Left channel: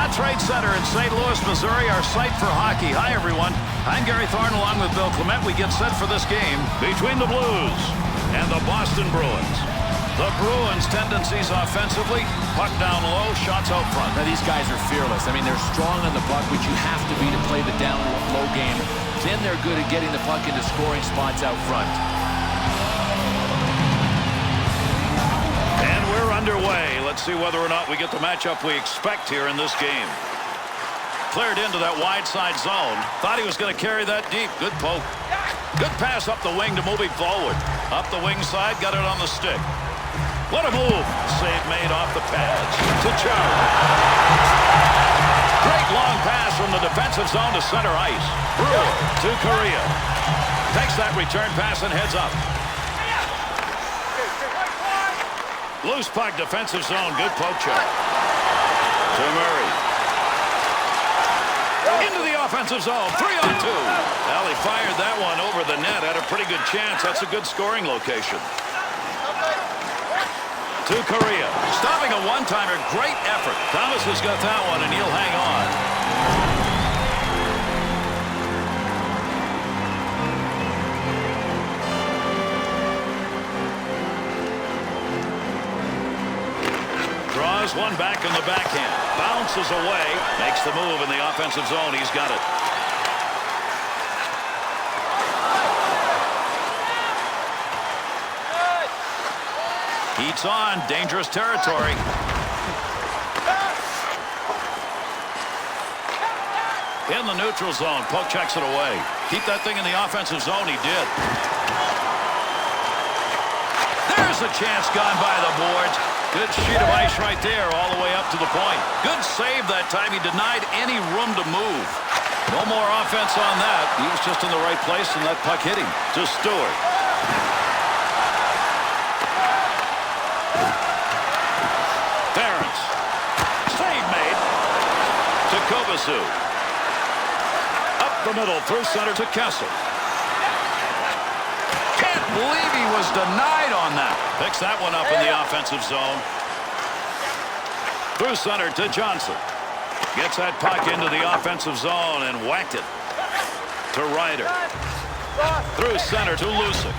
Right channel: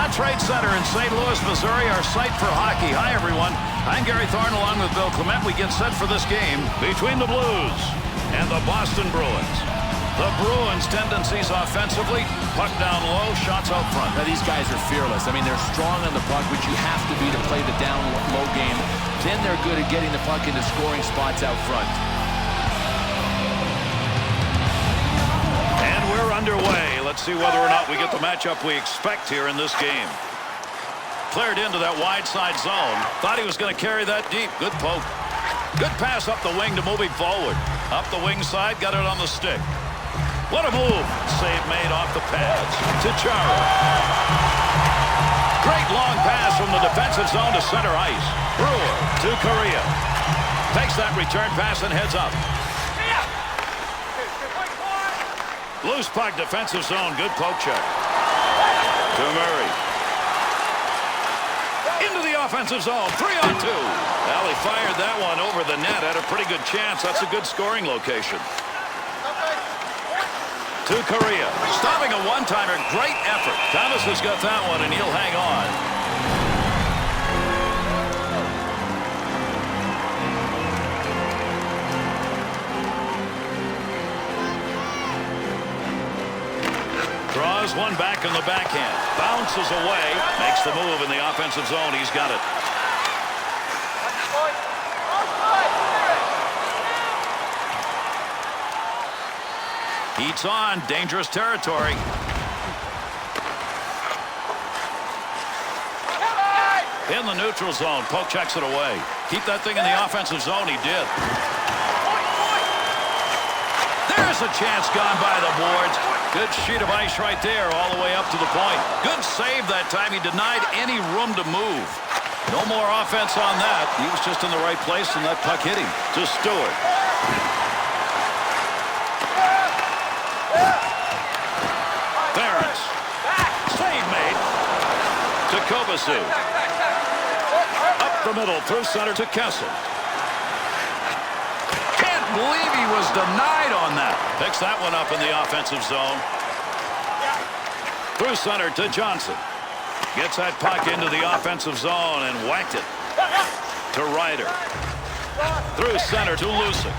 Scott Trade Center in St. Louis, Missouri, our site for hockey. Hi, everyone. I'm Gary Thorne along with Bill Clement. We get set for this game between the Blues and the Boston Bruins. The Bruins' tendencies offensively, puck down low, shots out front. Now, these guys are fearless. I mean, they're strong on the puck, which you have to be to play the down-low game. Then they're good at getting the puck into scoring spots out front. And we're underway. Let's see whether or not we get the matchup we expect here in this game. Cleared into that wide side zone. Thought he was going to carry that deep. Good poke. Good pass up the wing to move him forward. Up the wing side, got it on the stick. What a move. Save made off the pads to Chara. Great long pass from the defensive zone to center ice. Brewer to Correa. Takes that return pass and heads up. Loose puck, defensive zone. Good poke check. To Murray. Into the offensive zone. 3-on-2. Well, he fired that one over the net. Had a pretty good chance. That's a good scoring location. To Correa. Stopping a one-timer. Great effort. Thomas has got that one, and he'll hang on. Draws one back in the backhand. Bounces away. Makes the move in the offensive zone. He's got it. Heats on. Dangerous territory. In the neutral zone. Poke checks it away. Keep that thing in the offensive zone. He did. There's a chance gone by the boards. Good sheet of ice right there all the way up to the point. Good save that time. He denied any room to move. No more offense on that. He was just in the right place, and that puck hit him. To Stewart. Ference. Save made. To Kovacic. Up the middle through center to Kessel. Can't believe he was denied on that. Picks that one up in the offensive zone. Through center to Johnson. Gets that puck into the offensive zone and whacked it to Ryder. Through center to Lucic.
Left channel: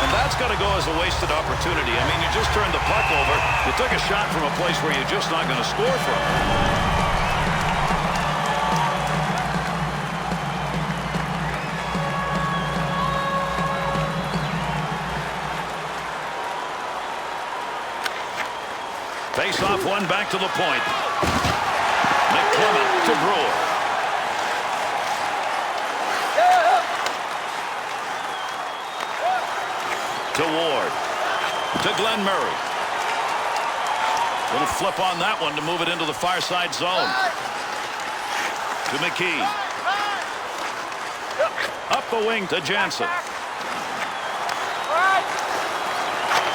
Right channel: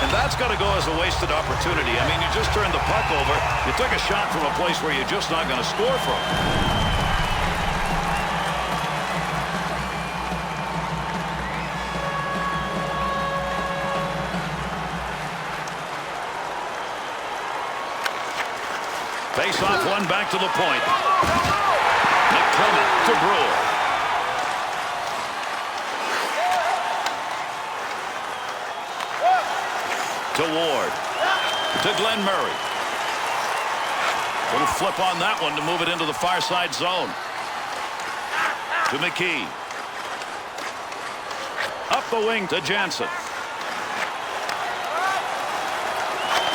And that's got to go as a wasted opportunity. I mean, you just turned the puck over. You took a shot from a place where you're just not going to score from. Face off one back to the point. McClement to Brewer. To Ward. To Glenn Murray. Little flip on that one to move it into the far side zone. To McKee. Up the wing to Jansen.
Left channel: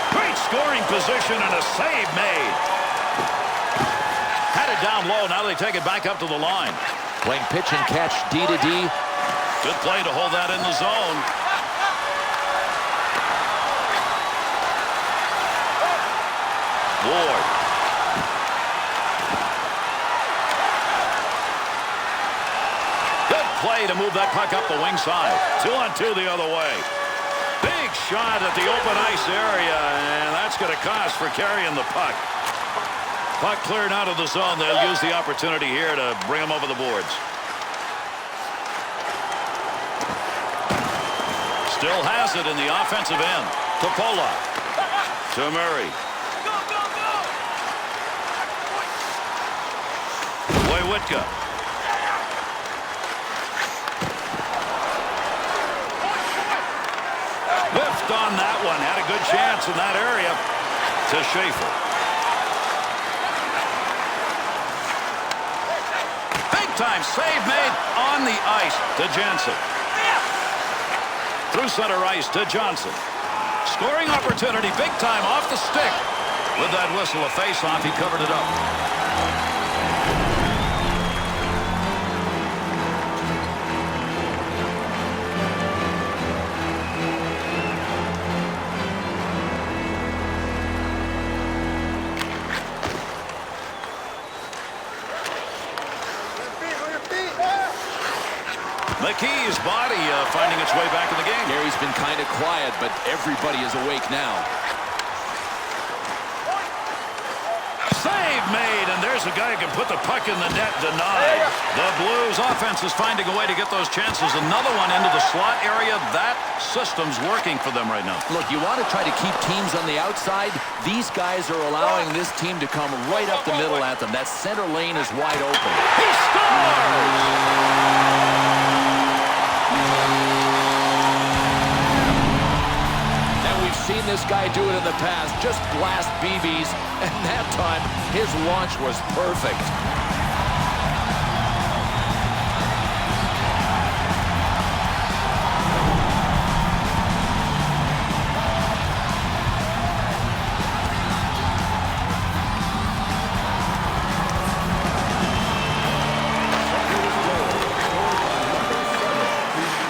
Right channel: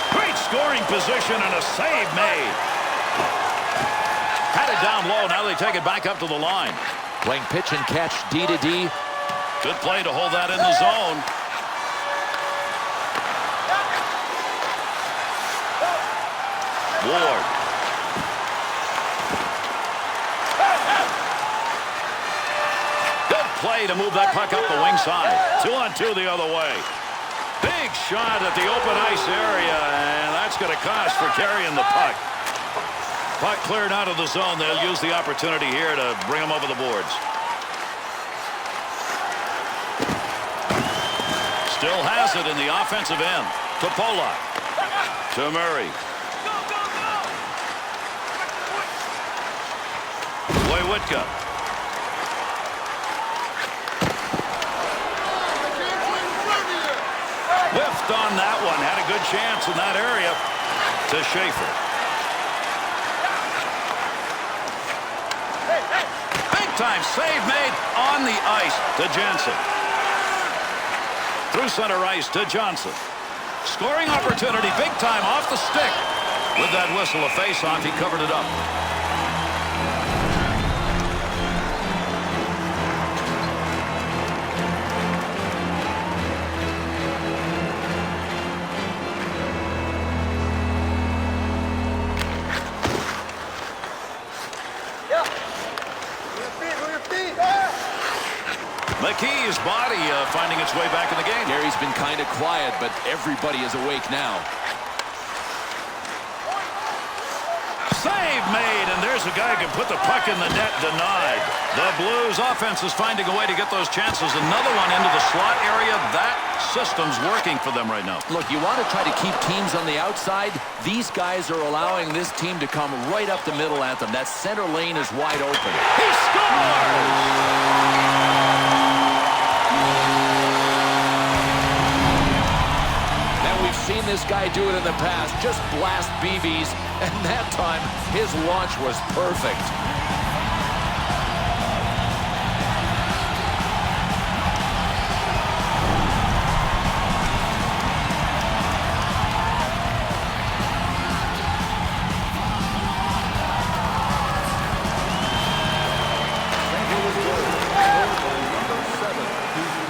Great scoring position and a save made. Had it down low. Now they take it back up to the line. Playing pitch and catch D to D. Good play to hold that in the zone. Ward. Good play to move that puck up the wing side. 2-on-2 the other way. Big shot at the open ice area, and that's going to cost for carrying the puck. Puck cleared out of the zone. They'll use the opportunity here to bring them over the boards. Still has it in the offensive end. To Polak. To Murray. Wojciechowski. Whiffed on that one. Had a good chance in that area. To Schaefer. Big time save made on the ice to Jansen. Through center ice to Johnson. Scoring opportunity big time off the stick. With that whistle, a face-off, he covered it up. McKee's body finding its way back in the game. Gary's been kind of quiet, but everybody is awake now. Save made, and there's a guy who can put the puck in the net, denied. The Blues offense is finding a way to get those chances. Another one into the slot area. That system's working for them right now. Look, you want to try to keep teams on the outside. These guys are allowing this team to come right up the middle at them. That center lane is wide open. He scores! We've seen this guy do it in the past. Just blast BBs, and that time his launch was perfect.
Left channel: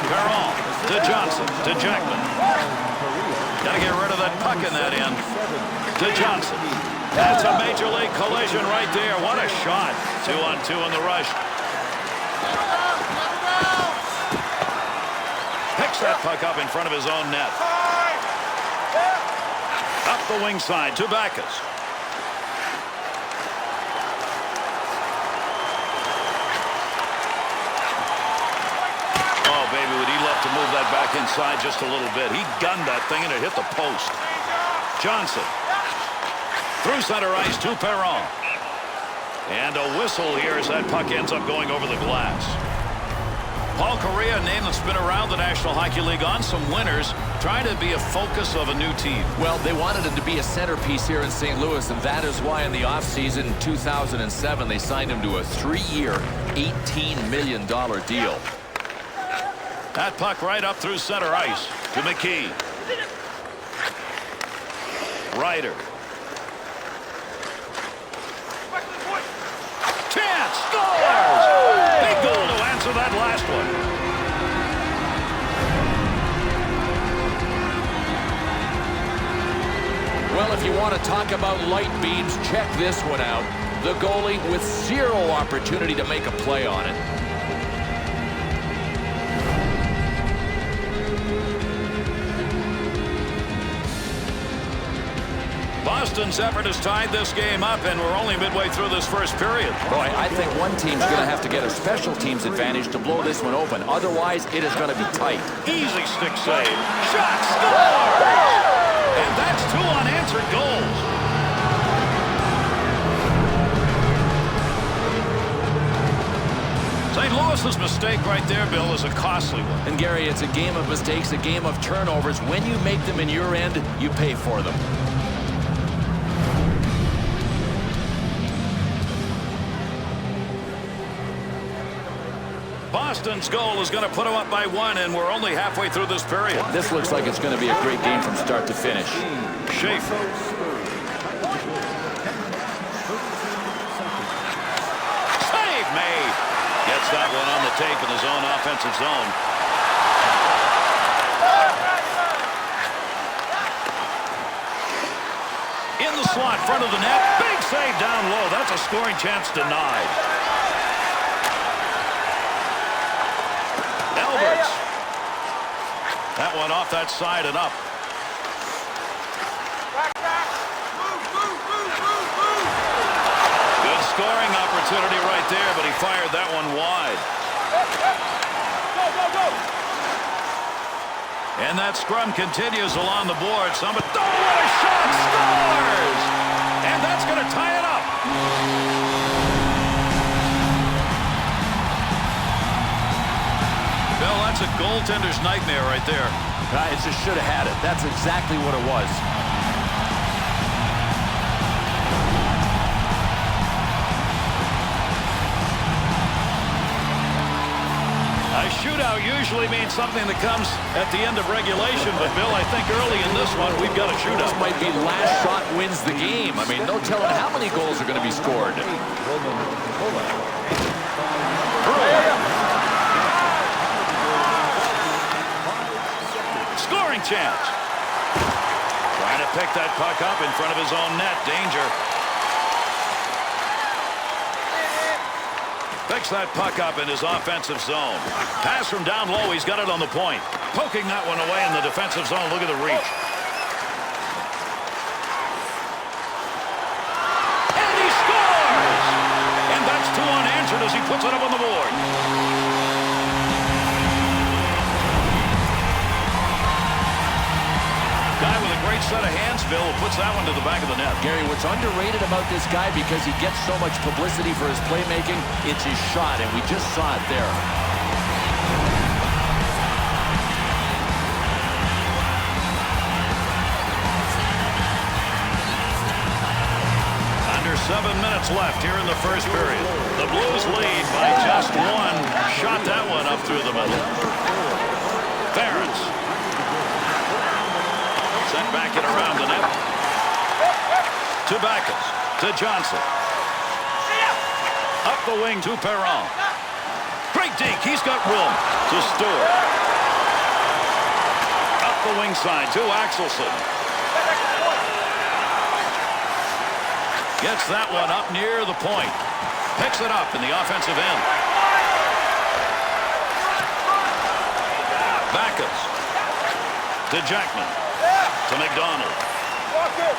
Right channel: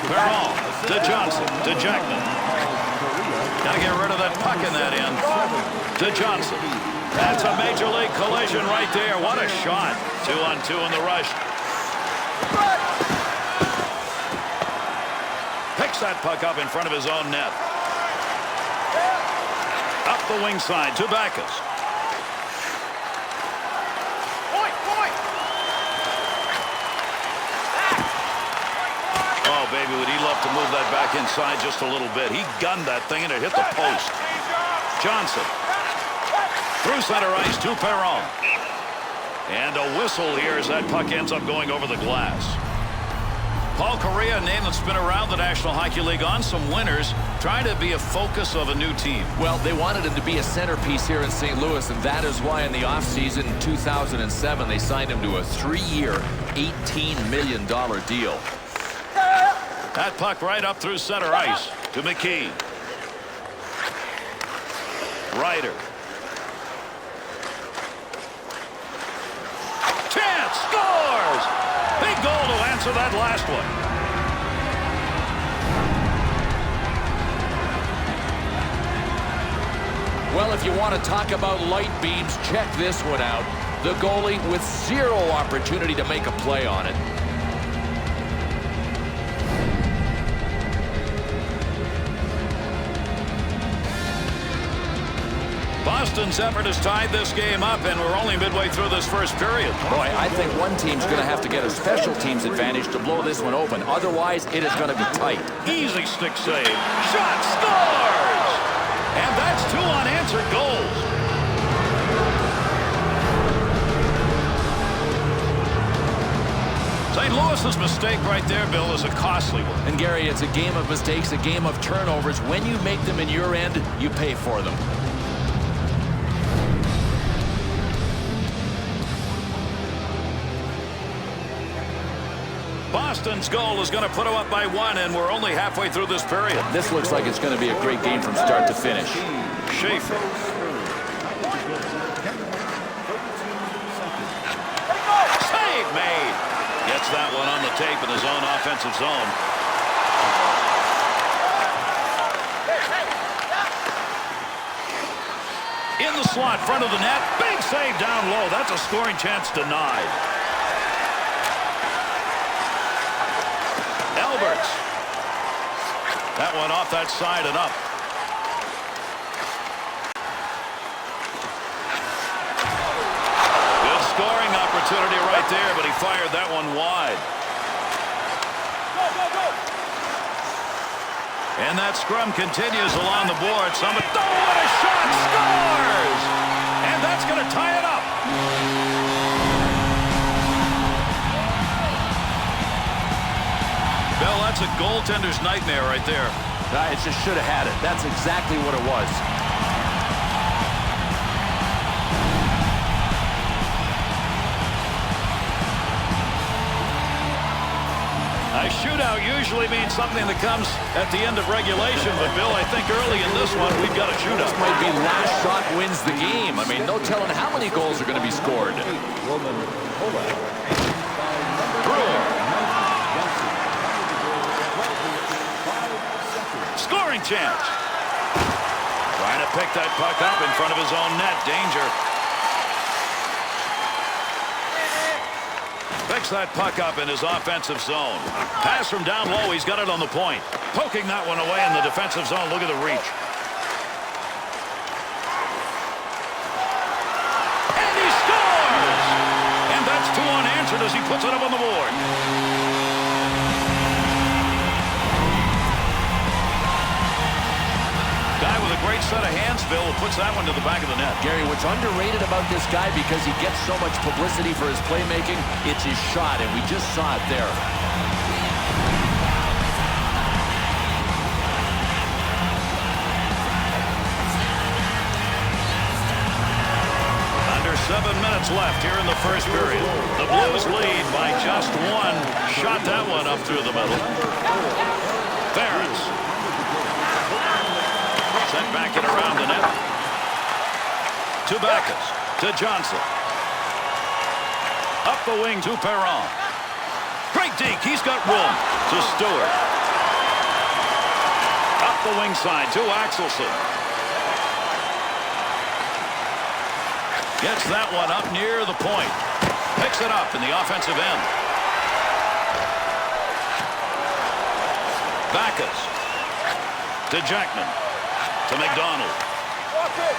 Perron to Johnson to Jackman. Got to get rid of that puck in that end. To Johnson. That's a major league collision right there. What a shot. 2-on-2 in the rush. Picks that puck up in front of his own net. Up the wing side to Backus. Oh, baby, would he love to move that back inside just a little bit. He gunned that thing and it hit the post. Johnson. Through center ice to Perron. And a whistle here as that puck ends up going over the glass. Paul Kariya, a name that's been around the National Hockey League on some winners, trying to be a focus of a new team. Well, they wanted him to be a centerpiece here in St. Louis, and that is why in the offseason in 2007 they signed him to a 3-year, $18 million deal. That puck right up through center ice to McKee. Ryder. Chance scores! Big goal to answer that last one. Well, if you want to talk about light beams, check this one out. The goalie with zero opportunity to make a play on it. Boston's effort has tied this game up, and we're only midway through this first period. Boy, I think one team's going to have to get a special teams advantage to blow this one open. Otherwise, it is going to be tight. Easy stick save. Shot scores! And that's 2 unanswered goals. St. Louis's mistake right there, Bill, is a costly one. And Gary, it's a game of mistakes, a game of turnovers. When you make them in your end, you pay for them. Boston's goal is going to put them up by 1, and we're only halfway through this period. This looks like it's going to be a great game from start to finish. Schaefer. Save made. Gets that one on the tape in his own offensive zone. In the slot, front of the net. Big save down low. That's a scoring chance denied. Alberts. That one off that side and up. Good scoring opportunity right there, but he fired that one wide. And that scrum continues along the board. Somebody, oh, what a shot! Scores! And that's going to tie it up. Bill, that's a goaltender's nightmare right there. It just should have had it. That's exactly what it was. A shootout usually means something that comes at the end of regulation, but Bill, I think early in this one, we've got a shootout. This might be last shot wins the game. I mean, no telling how many goals are going to be scored. Brewer. Scoring chance. Trying to pick that puck up in front of his own net. Danger. Picks that puck up in his offensive zone. Pass from down low. He's got it on the point. Poking that one away in the defensive zone. Look at the reach. And he scores! And that's 2 unanswered as he puts it up on the board. Guy with a great set of hands, Bill, who puts that one to the back of the net. Gary, what's underrated about this guy, because he gets so much publicity for his playmaking, it's his shot, and we just saw it there. Under 7 minutes left here in the first period. The Blues lead by just 1. Shot that one up through the middle. Ferentz. Sent back it around the net. To Backus. To Johnson. Up the wing to Perron. Great deke. He's got room. To Stewart. Up the wing side to Axelson. Gets that one up near the point. Picks it up in the offensive end. Backus. To Jackman. To McDonald. Walk it.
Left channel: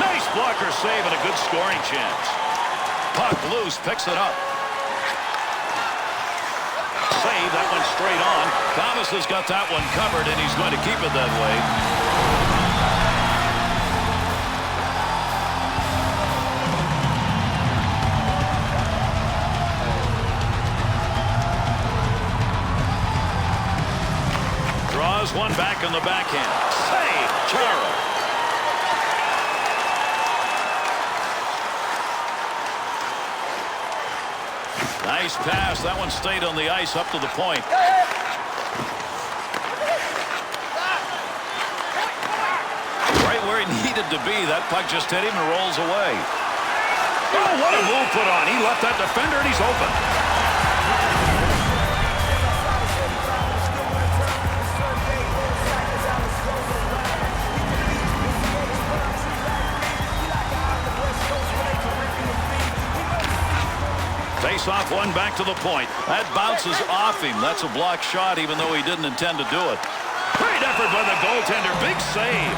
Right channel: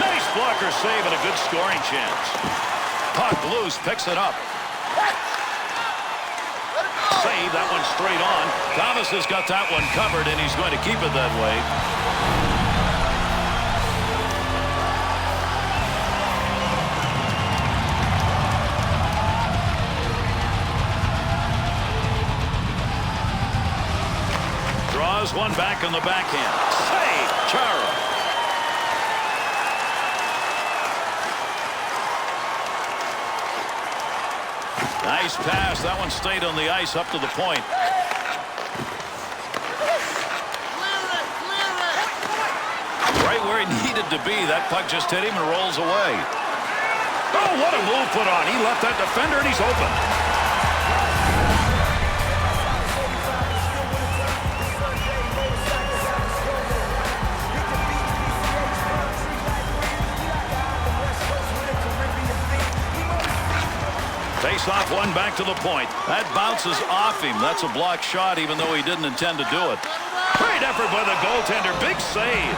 Nice blocker save and a good scoring chance. Puck loose, picks it up. Save, that one straight on. Thomas has got that one covered, and he's going to keep it that way. Draws one back on the backhand. Save, Chara. Nice pass. That one stayed on the ice up to the point. Right where he needed to be. That puck just hit him and rolls away. Oh, what a move put on. He left that defender and he's open. Face off one back to the point. That bounces off him. That's a blocked shot even though he didn't intend to do it. Great effort by the goaltender. Big save.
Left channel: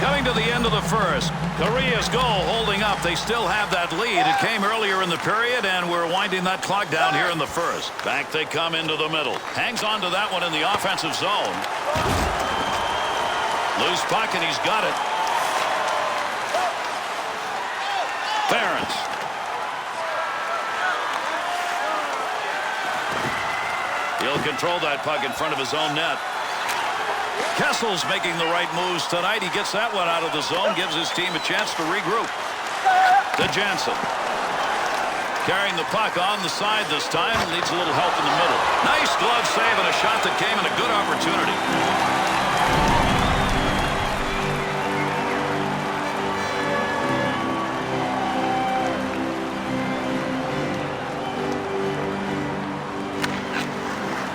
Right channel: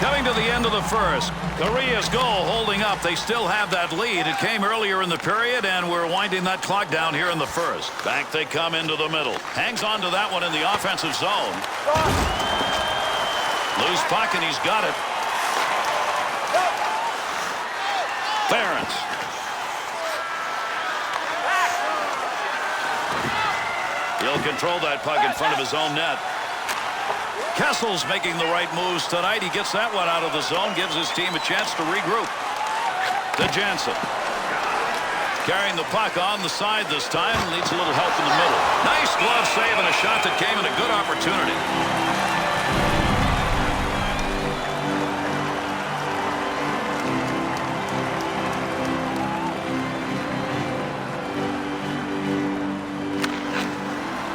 Coming to the end of the first. Korea's goal holding up. They still have that lead. It came earlier in the period, and we're winding that clock down here in the first. Back they come into the middle. Hangs on to that one in the offensive zone. Loose puck, and he's got it. Ferentz. He'll control that puck in front of his own net. Kessel's making the right moves tonight. He gets that one out of the zone, gives his team a chance to regroup. To Jansen. Carrying the puck on the side this time. Needs a little help in the middle. Nice glove save and a shot that came in a good opportunity.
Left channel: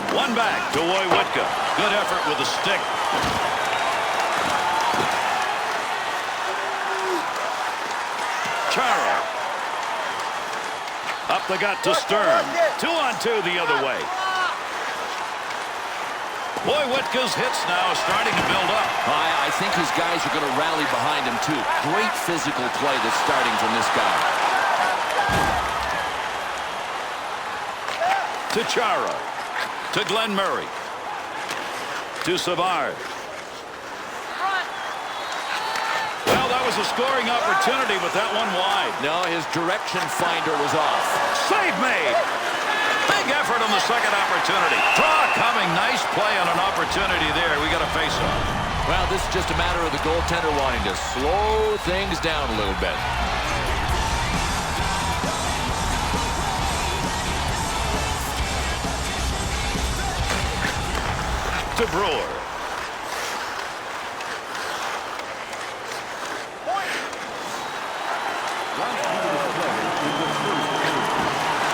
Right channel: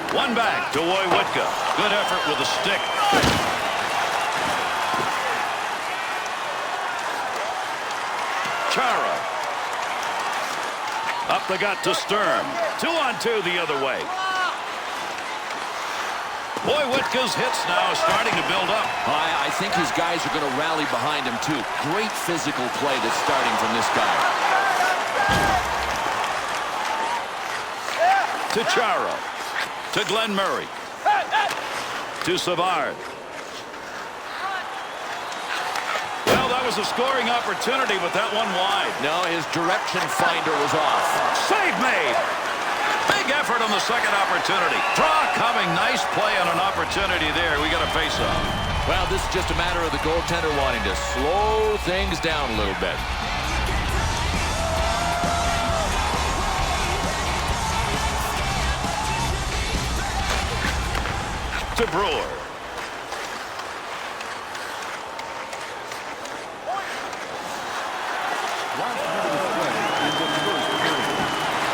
One back to Woywitka. Good effort with a stick. Chara. Up the gut to Stern. 2-on-2 the other way. Woywitka's hits now starting to build up. I think his guys are going to rally behind him, too. Great physical play that's starting from this guy. To Chara. To Glenn Murray. To Savard. Well, that was a scoring opportunity, but that one wide. No, his direction finder was off. Save made. Big effort on the second opportunity. Draw coming. Nice play on an opportunity there. We got a face-off. Well, this is just a matter of the goaltender wanting to slow things down a little bit. To Brewer. Last minute of play in the first period.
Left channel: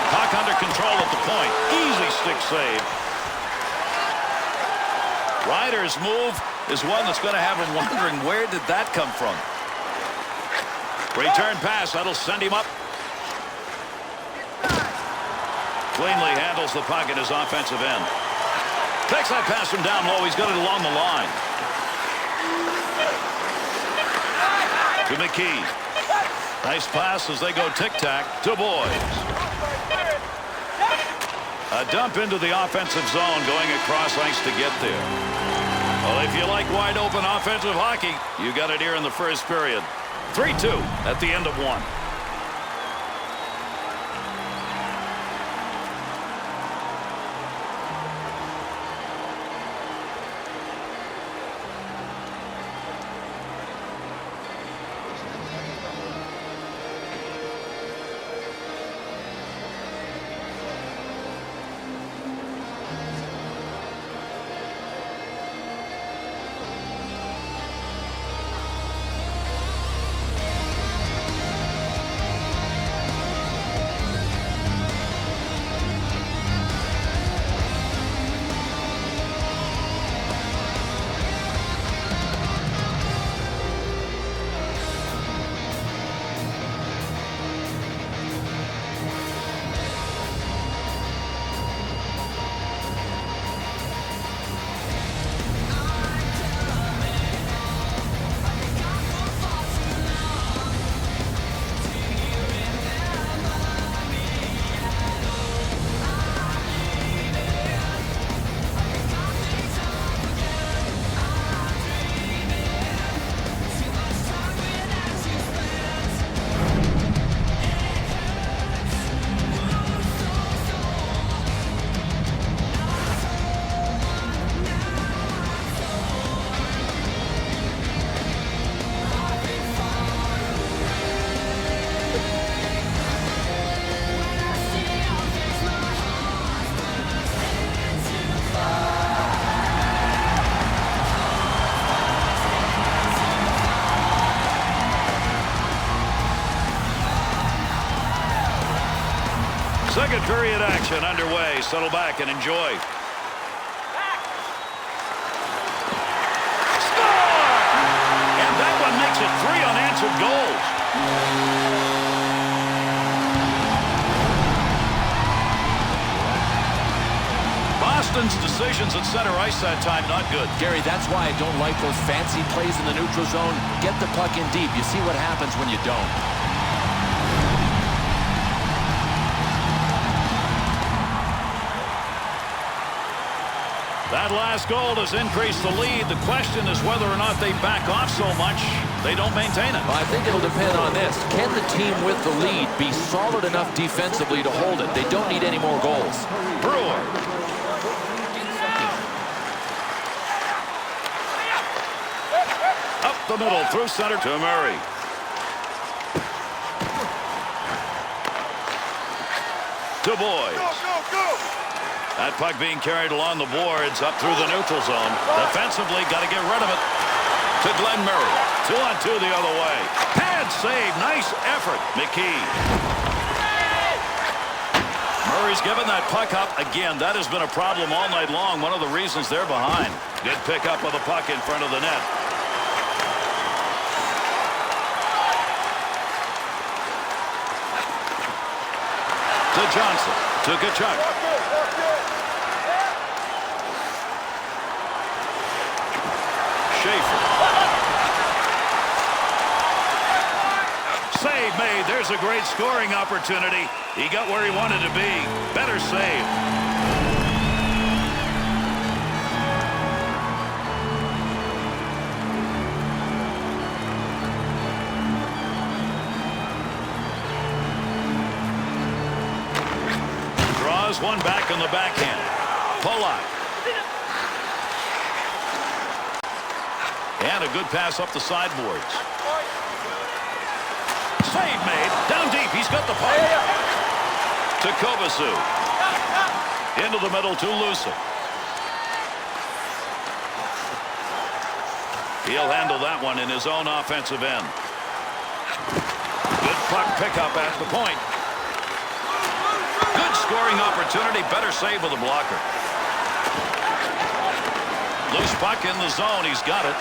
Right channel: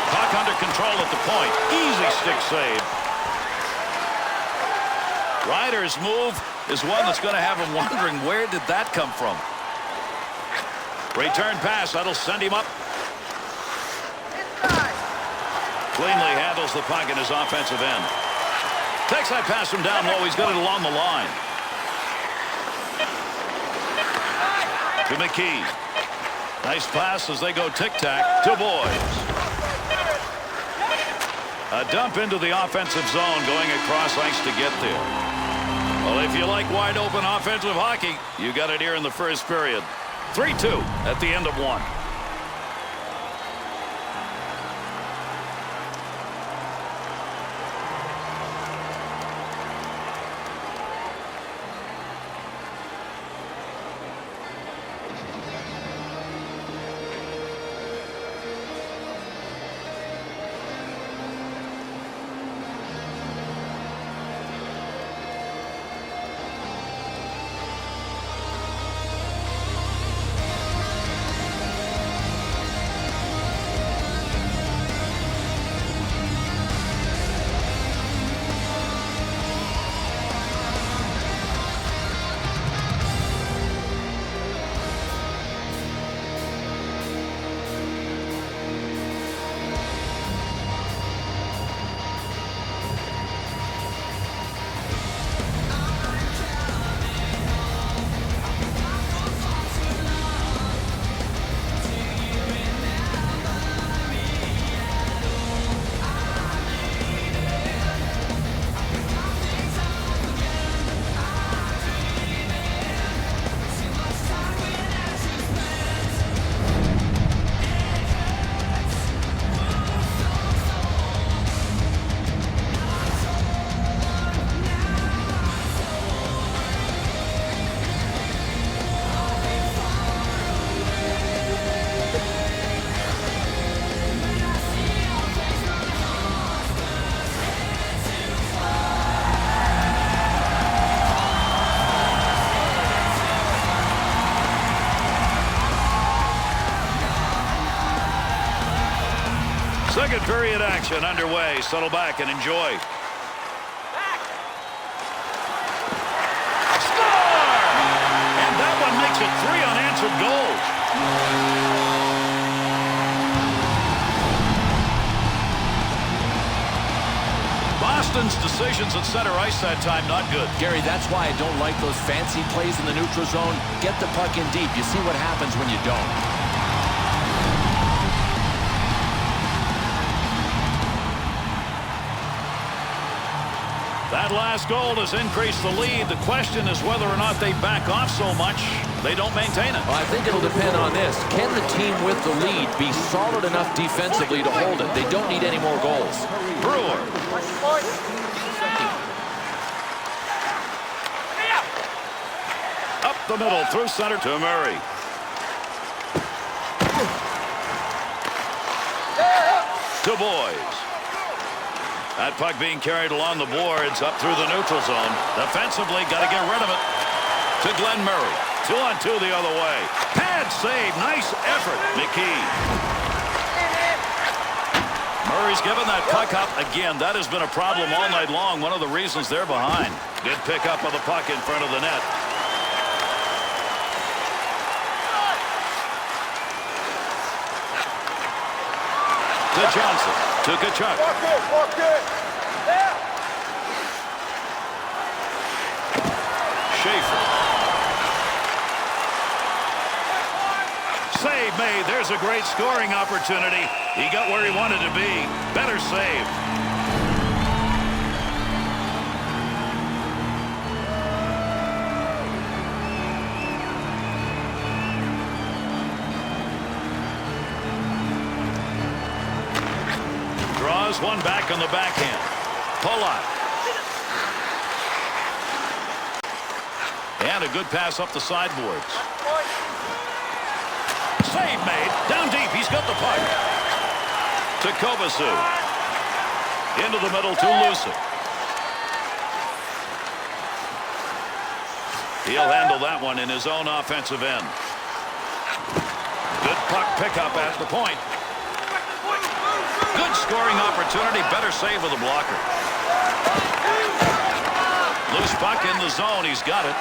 Puck puck under control at the point. Easy stick save. Ryder's move is one that's going to have him wondering, where did that come from? Return pass. That'll send him up. Cleanly handles the puck in his offensive end. Takes that pass from down low. He's got it along the line. To McKee. Nice pass as they go tic-tac to Boys. A dump into the offensive zone going across ice to get there. Well, if you like wide-open offensive hockey, you got it here in the first period. 3-2 at the end of one. Second period action underway. Settle back and enjoy. Score! And that one makes it 3 unanswered goals. Boston's decisions at center ice that time not good. Gary, that's why I don't like those fancy plays in the neutral zone. Get the puck in deep. You see what happens when you don't. That last goal has increased the lead. The question is whether or not they back off so much they don't maintain it. Well, I think it'll depend on this. Can the team with the lead be solid enough defensively to hold it? They don't need any more goals. Brewer. Up the middle through center to Murray. To Boys. That puck being carried along the boards up through the neutral zone. Defensively, got to get rid of it. To Glenn Murray. 2-on-2 the other way. Pad save. Nice effort. McKee. Murray's given that puck up. Again, that has been a problem all night long. One of the reasons they're behind. Good pickup of the puck in front of the net. To Johnson. To Tkachuk. Walk it. Yeah. Schaefer. Save made. There's a great scoring opportunity. He got where he wanted to be. Better save. Draws one back on the backhand. Polak. And a good pass up the sideboards. Save made. Down deep. He's got the puck. To Kovacic. Into the middle to Lucic. He'll handle that one in his own offensive end. Good puck pickup at the point. Good scoring opportunity. Better save with a blocker. Loose puck in the zone. He's got it.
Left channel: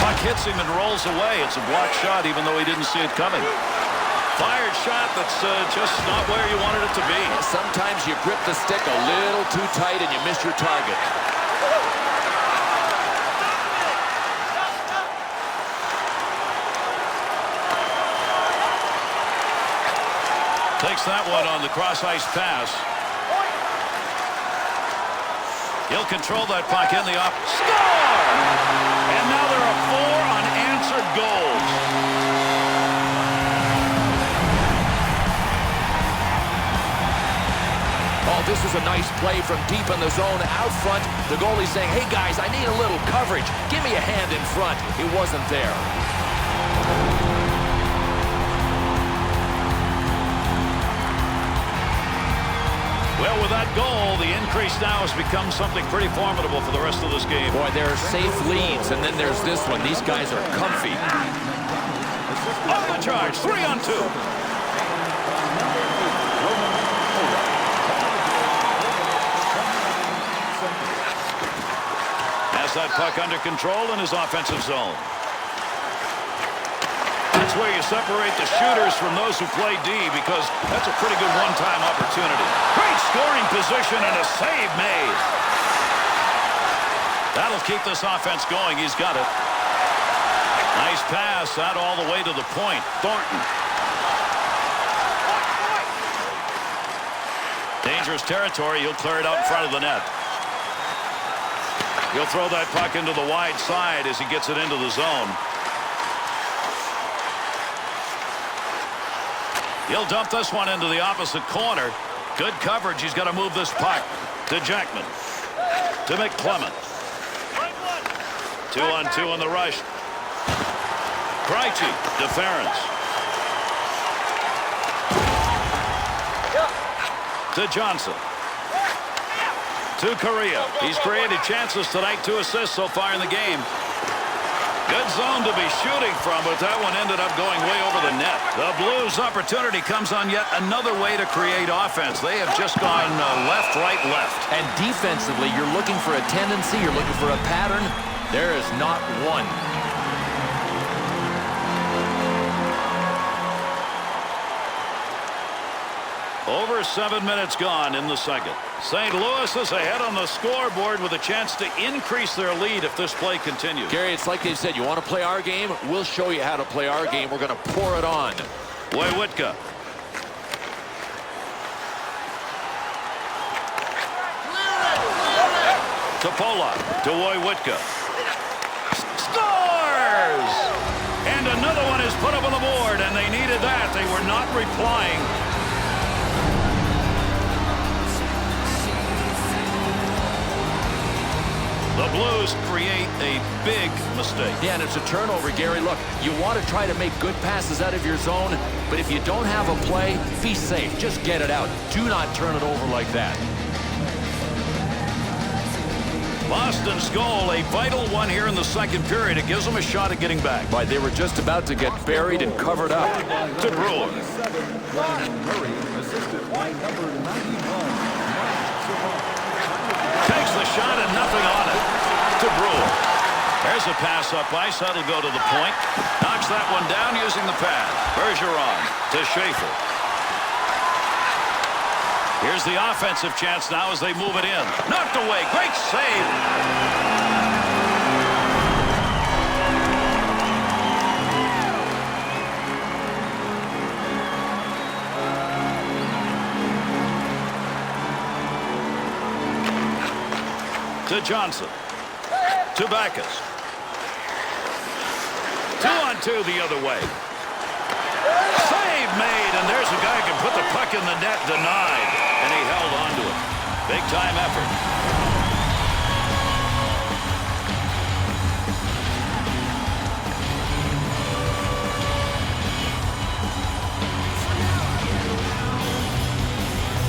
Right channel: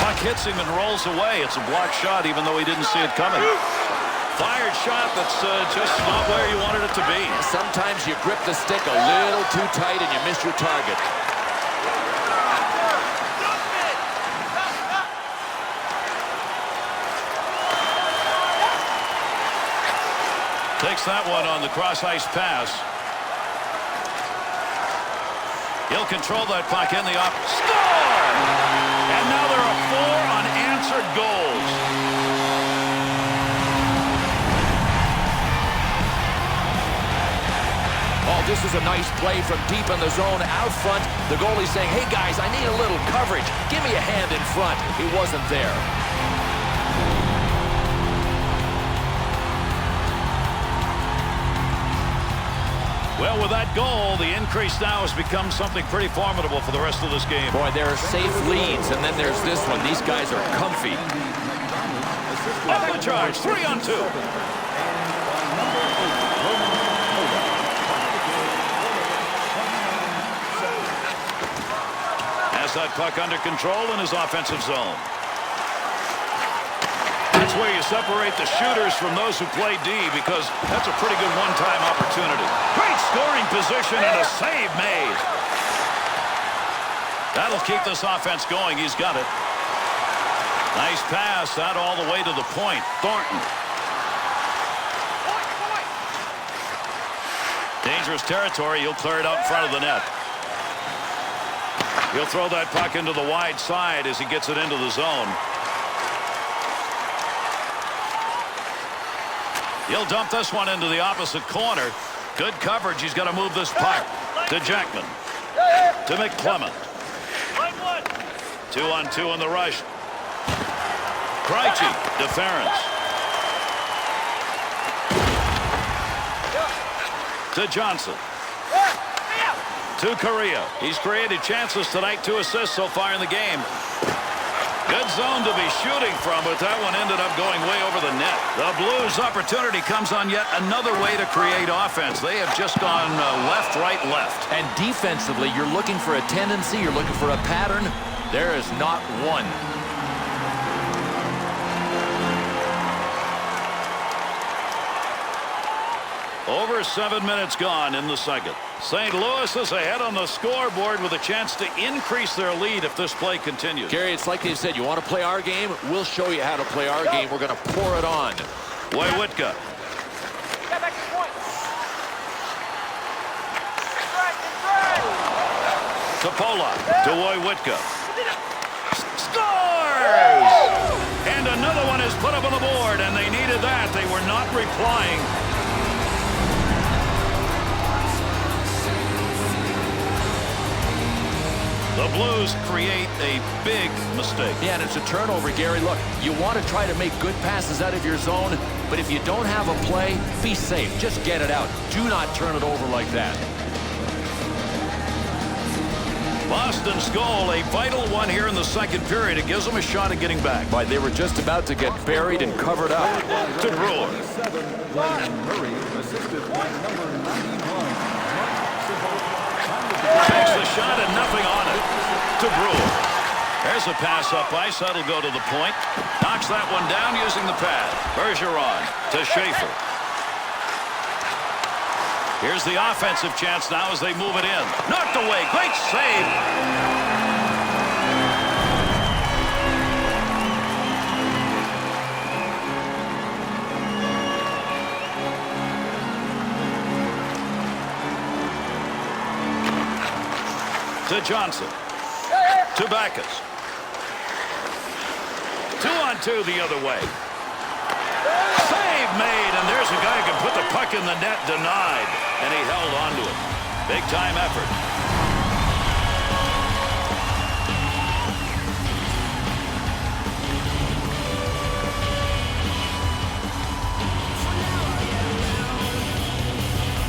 Puck hits him and rolls away. It's a blocked shot even though he didn't see it coming. Fired shot that's just not where you wanted it to be. And sometimes you grip the stick a little too tight and you miss your target. Takes that one on the cross-ice pass. He'll control that puck in the off. Score! And now there are 4 unanswered goals. Oh, this is a nice play from deep in the zone out front. The goalie saying, hey guys, I need a little coverage. Give me a hand in front. It wasn't there. Well, with that goal, the increase now has become something pretty formidable for the rest of this game. Boy, there are safe leads, and then there's this one. These guys are comfy. On the charge, 3 on 2. And by number 8, Roman Polak. Final of the game, 4 minutes, 29 seconds. Has that puck under control in his offensive zone. That's where you separate the shooters from those who play D, because that's a pretty good one-time opportunity. Great scoring position and a save made. That'll keep this offense going. He's got it. Nice pass out all the way to the point. Thornton. Dangerous territory. He'll clear it out in front of the net. He'll throw that puck into the wide side as he gets it into the zone. He'll dump this one into the opposite corner. Good coverage. He's got to move this puck to Jackman. To McClement. 2 on 2 on the rush. Krejci. Deference. To Johnson. To Correa. He's created chances tonight. 2 assists so far in the game. Good zone to be shooting from, but that one ended up going way over the net. The Blues' opportunity comes on yet another way to create offense. They have just gone left, right, left. And defensively, you're looking for a tendency, you're looking for a pattern. There is not one. Over 7 minutes gone in the second. St. Louis is ahead on the scoreboard with a chance to increase their lead if this play continues. Gary, it's like they said, you want to play our game? We'll show you how to play our game. We're going to pour it on. Wojciechowski. To Polak. To Wojciechowski. Scores! And another one is put up on the board, and they needed that. They were not replying. The Blues create a big mistake. Yeah, and it's a turnover, Gary. Look, you want to try to make good passes out of your zone, but if you don't have a play, be safe. Just get it out. Do not turn it over like that. Boston's goal, a vital one here in the second period. It gives them a shot at getting back. But they were just about to get buried and covered up. To Brewer. Ryan Murray, assisted by number 91, Mark Savant. Takes the shot and nothing on it. To Brewer. There's a pass up ice. That'll go to the point. Knocks that one down using the pad. Bergeron to Schaefer. Here's the offensive chance now as they move it in. Knocked away. Great save. To Johnson. To Backus. 2 on 2 the other way. Save made, and there's a guy who can put the puck in the net. Denied, and he held on to it. Big time effort.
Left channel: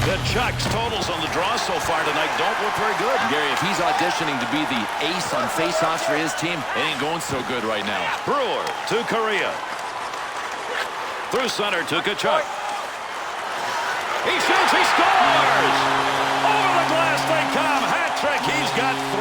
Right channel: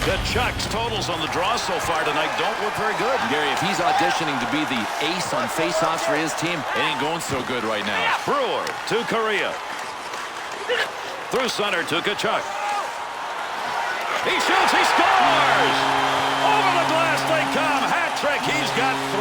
Kachuk's totals on the draw so far tonight don't look very good. Gary, if he's auditioning to be the ace on faceoffs for his team, it ain't going so good right now. Brewer to Correa. Through center to Kachuk. He shoots. He scores. Over the glass they come. Hat trick. He's got 3.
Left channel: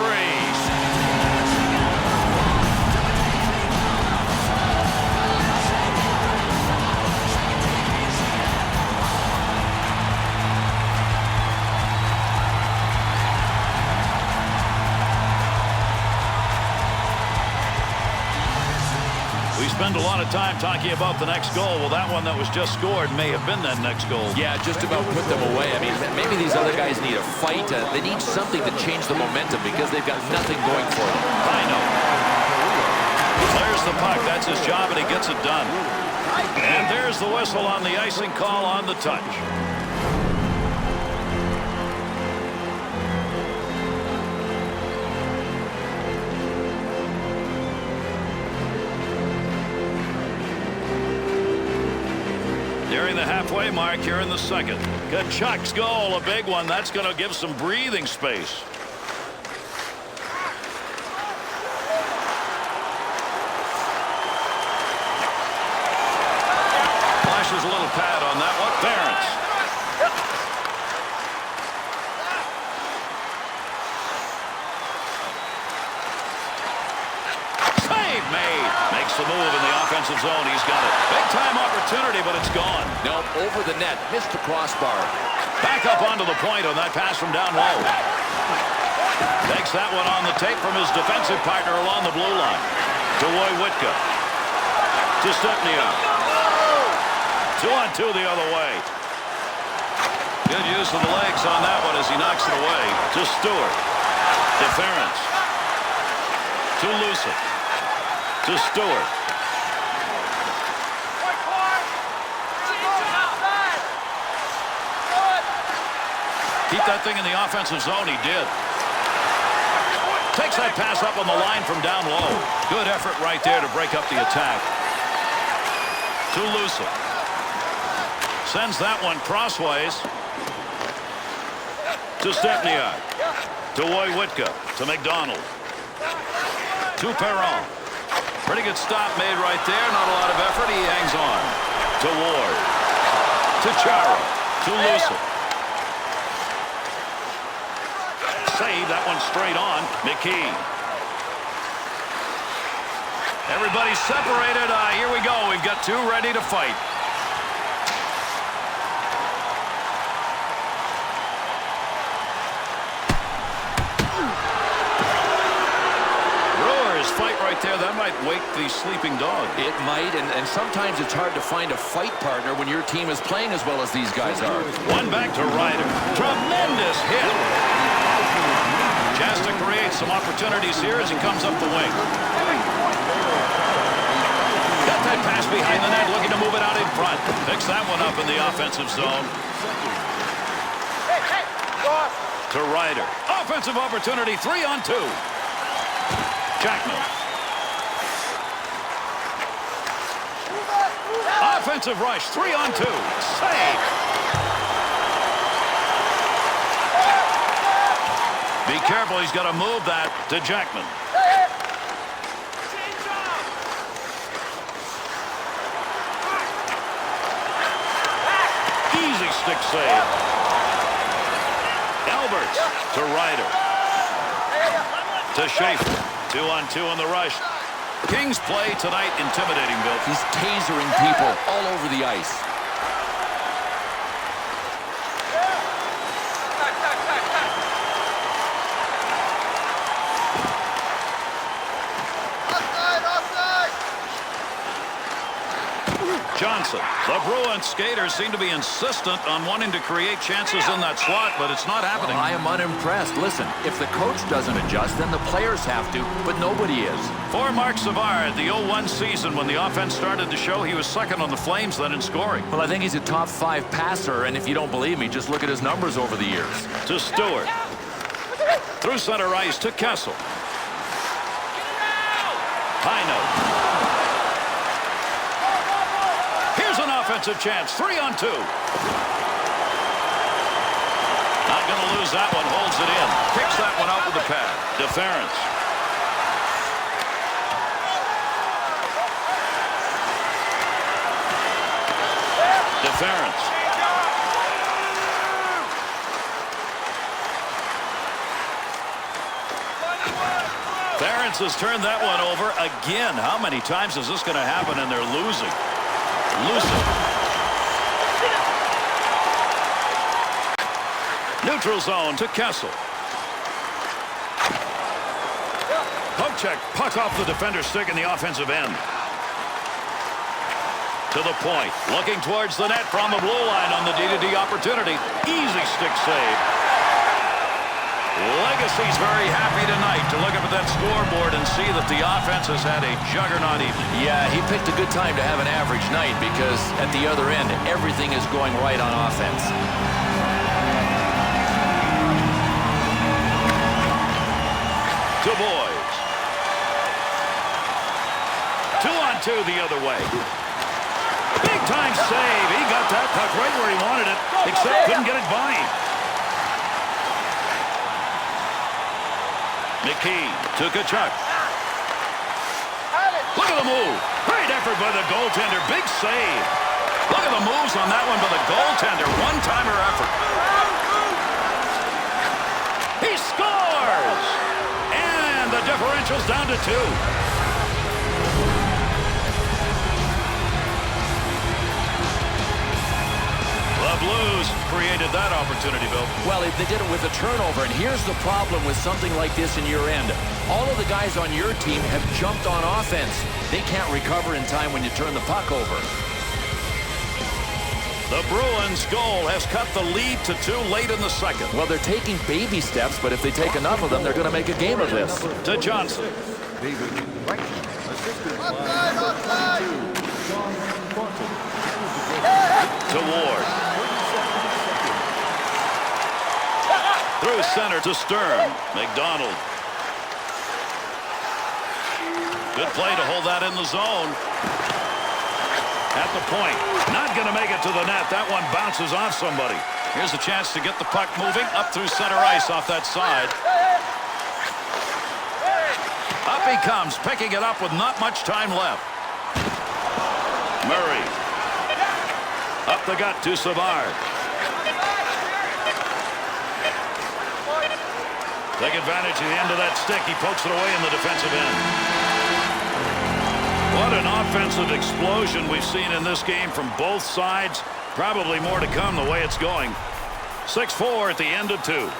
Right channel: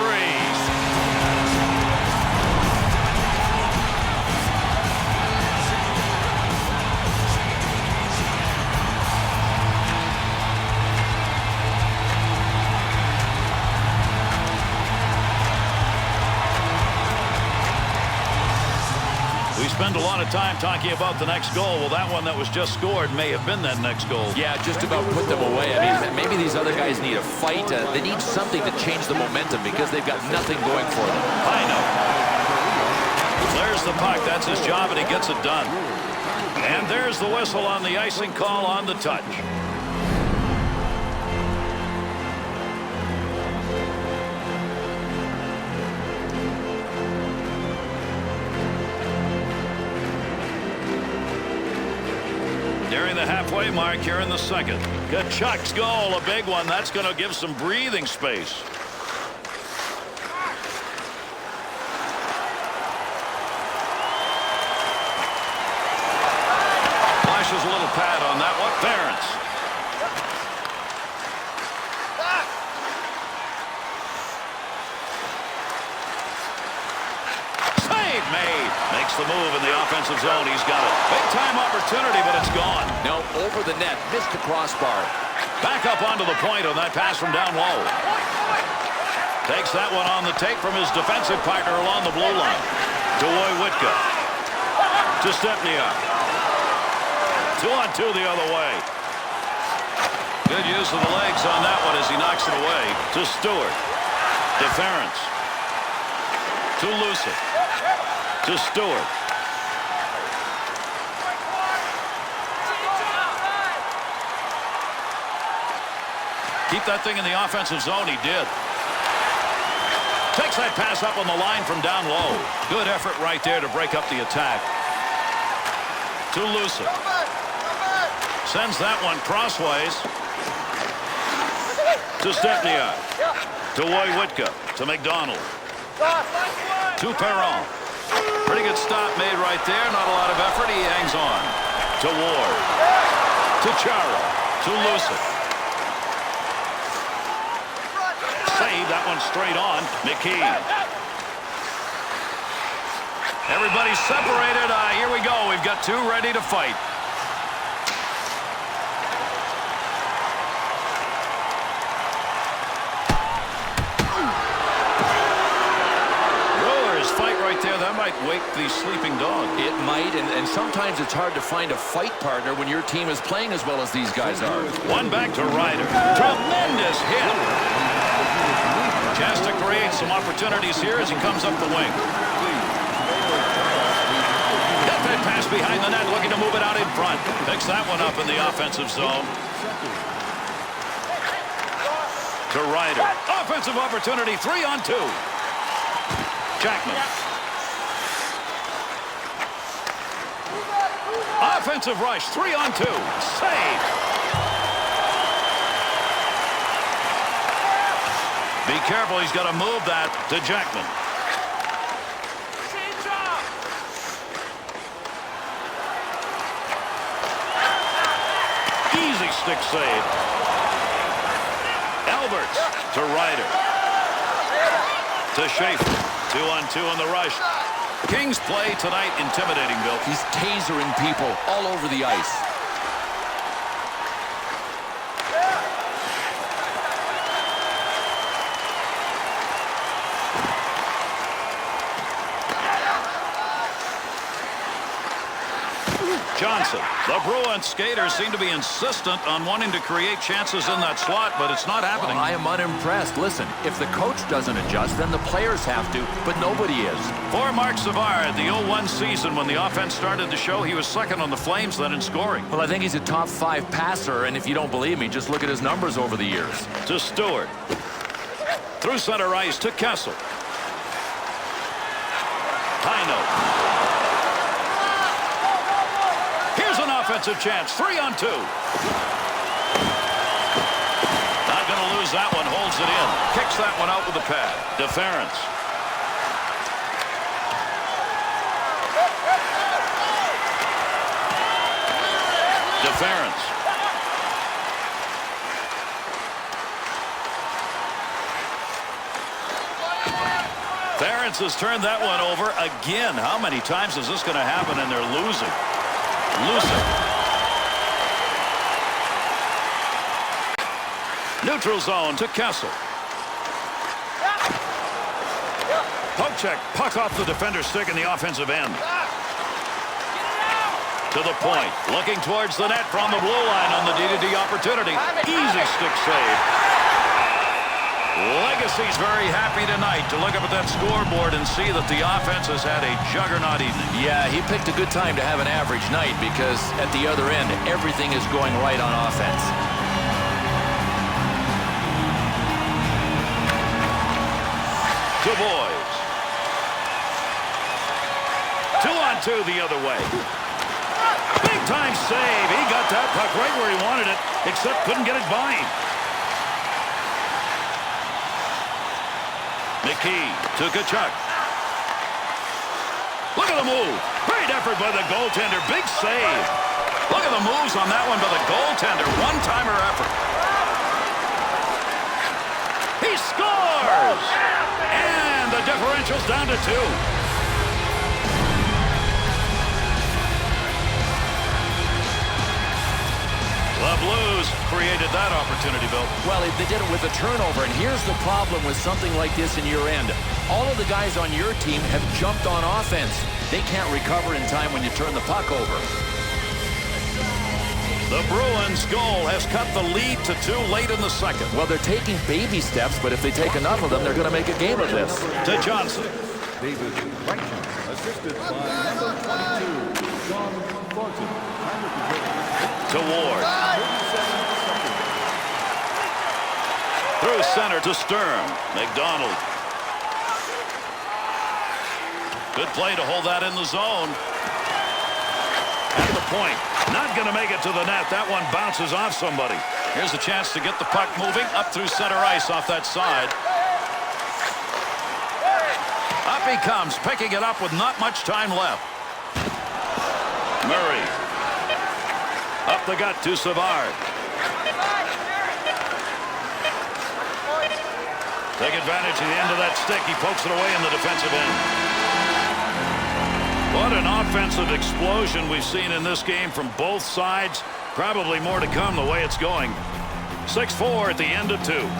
We spend a lot of time talking about the next goal. Well, that one that was just scored may have been that next goal. Yeah, just about put them away. I mean, maybe these other guys need a fight. They need something to change the momentum because they've got nothing going for them. I know. Clears the puck. That's his job, and he gets it done. And there's the whistle on the icing call on the touch. Nearing the halfway mark here in the second. Kachuk's goal, a big one. That's going to give some breathing space. Flashes a little pad on that one. Ference. Save made. Makes the move in the offensive zone. He's got it. Big time opportunity, but it's gone. No, over the net. Missed the crossbar. Back up onto the point on that pass from down low. Takes that one on the tape from his defensive partner along the blue line. To Woywitka. To Stepniak. 2-on-2 the other way. Good use of the legs on that one as he knocks it away. To Stewart. To Ference. To Lucic. To Stewart. Keep that thing in the offensive zone. He did. Takes that pass up on the line from down low. Good effort right there to break up the attack. To Lucic. Sends that one crossways. To Stepniak. To Woywitka. To McDonald. To Perron. Pretty good stop made right there. Not a lot of effort. He hangs on. To Ward. To Chara. To Lucic. Save that one straight on. McKee. Everybody's separated. Here we go. We've got 2 ready to fight. Fight right there. That might wake the sleeping dog. It might, and sometimes it's hard to find a fight partner when your team is playing as well as these guys are. One back to Ryder. Tremendous hit. Chance to create some opportunities here as he comes up the wing. Got that pass behind the net, looking to move it out in front. Picks that one up in the offensive zone. To Ryder. Offensive opportunity, 3-on-2. Jackman. Offensive rush, 3-on-2. Save. Be careful, he's got to move that to Jackman. Easy stick save. Alberts to Ryder. To Schaefer. 2-on-2 on the rush. Kings play tonight intimidating, Bill. He's tasering people all over the ice. Johnson. The Bruins skaters seem to be insistent on wanting to create chances in that slot, but it's not happening. Well, I am unimpressed. Listen, if the coach doesn't adjust, then the players have to, but nobody is. For Mark Savard, the 0-1 season, when the offense started to show, he was second on the Flames then in scoring. Well, I think he's a top 5 passer, and if you don't believe me, just look at his numbers over the years. To Stewart. Through center ice to Kessel. High note. Here's an offensive chance. 3-on-2. Not going to lose that one. Holds it in. Kicks that one out with the pad. Ference. Ference. Ferentz has turned that one over again. How many times is this going to happen and they're losing? Losing. Neutral zone to Kessel. Poke check. Puck off the defender's stick in the offensive end. To the point. Looking towards the net from the blue line on the D-to-D opportunity. Easy stick save. Legacy's very happy tonight to look up at that scoreboard and see that the offense has had a juggernaut evening. Yeah, he picked a good time to have an average night because at the other end, everything is going right on offense. To Boys. 2-on-2 the other way. Big time save. He got that puck right where he wanted it, except couldn't get it by him. McKee to Kachuk. Look at the move. Great effort by the goaltender. Big save. Look at the moves on that one by the goaltender. One-timer effort. He scores! And the differential's down to 2. The Blues created that opportunity, Bill. Well, they did it with a turnover, and here's the problem with something like this in your end. All of the guys on your team have jumped on offense. They can't recover in time when you turn the puck over. The Bruins' goal has cut the lead to 2 late in the second. Well, they're taking baby steps, but if they take enough of them, they're going to make a game of this. To Johnson. David Reichman, assisted by number 22, John Thornton. To Ward. 37 seconds. Through center to Stern. McDonald. Good play to hold that in the zone. At the point. Not going to make it to the net. That one bounces off somebody. Here's a chance to get the puck moving up through center ice off that side. Up he comes, picking it up with not much time left. Murray. Up the gut to Savard. Take advantage of the end of that stick. He pokes it away in the defensive end. What an offensive explosion we've seen in this game from both sides. Probably more to come the way it's going. 6-4 at the end of 2.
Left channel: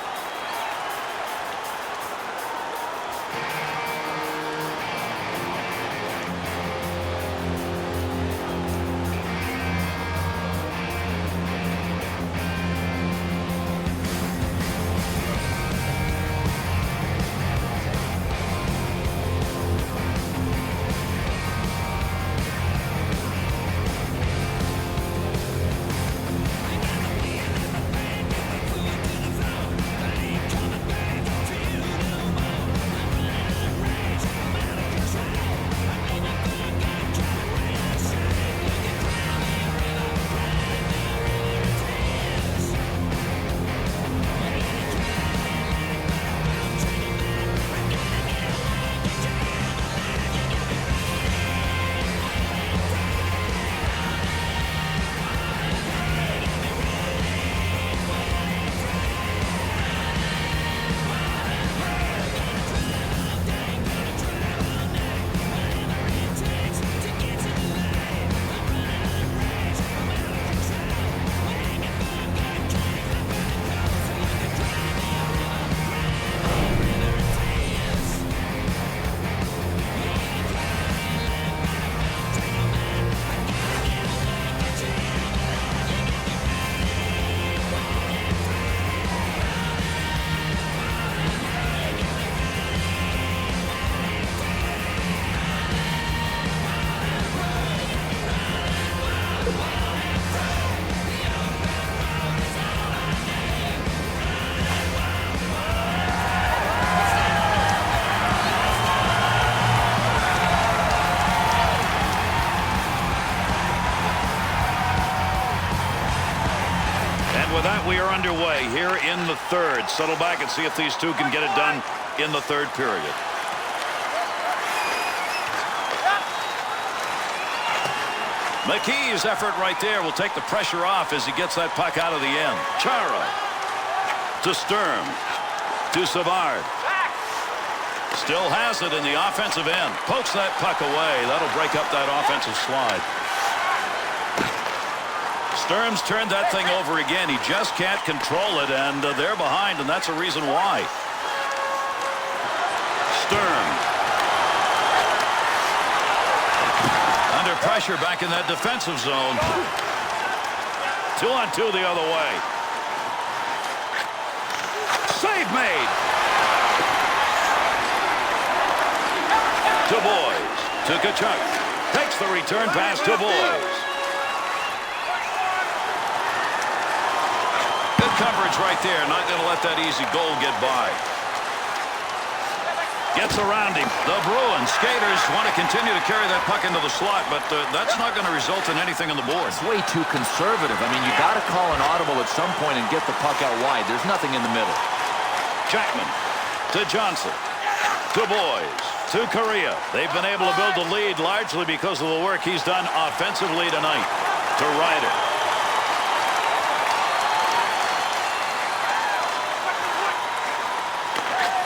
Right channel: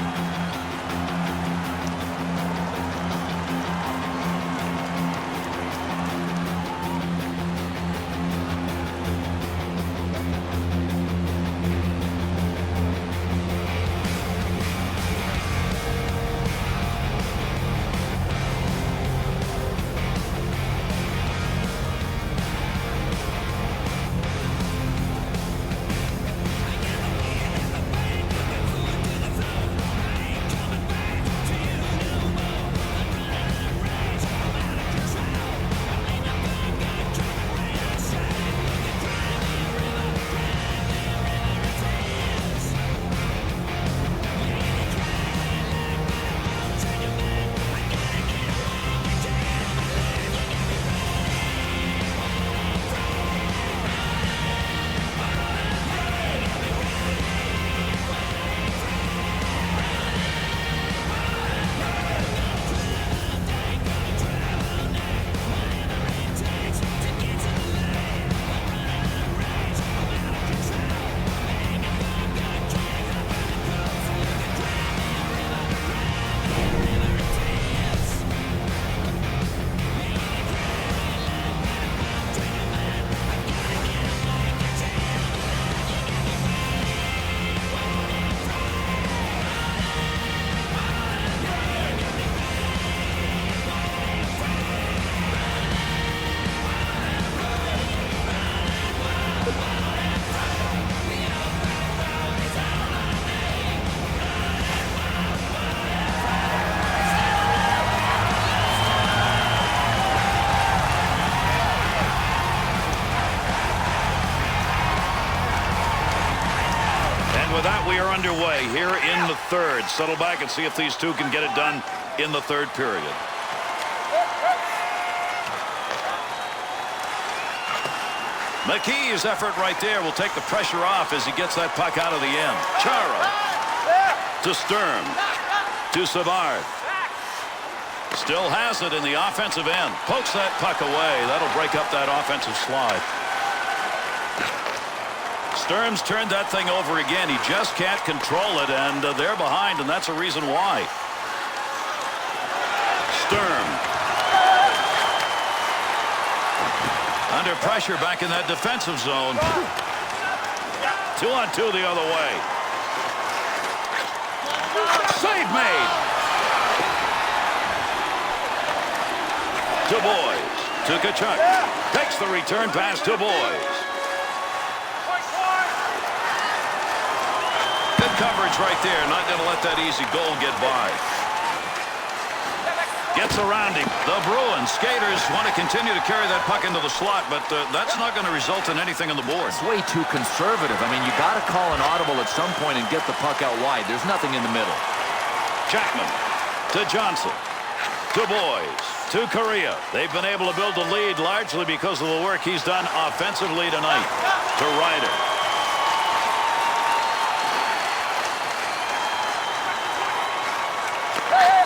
With that, we are underway here in the third. Settle back and see if these two can get it done in the third period. McKee's effort right there will take the pressure off as he gets that puck out of the end. Chara to Sturm to Savard. Still has it in the offensive end. Pokes that puck away. That'll break up that offensive slide. Sturm's turned that thing over again. He just can't control it, and they're behind, and that's a reason why. Sturm. Under pressure back in that defensive zone. 2-on-2 the other way. Save made. To Boys. To Tkachuk. Takes the return pass to Boys. Good coverage right there. Not going to let that easy goal get by. Gets around him. The Bruins skaters want to continue to carry that puck into the slot, but that's not going to result in anything on the board. It's way too conservative. I mean, you got to call an audible at some point and get the puck out wide. There's nothing in the middle. Jackman to Johnson to Boys to Korea. They've been able to build the lead largely because of the work he's done offensively tonight. To Ryder.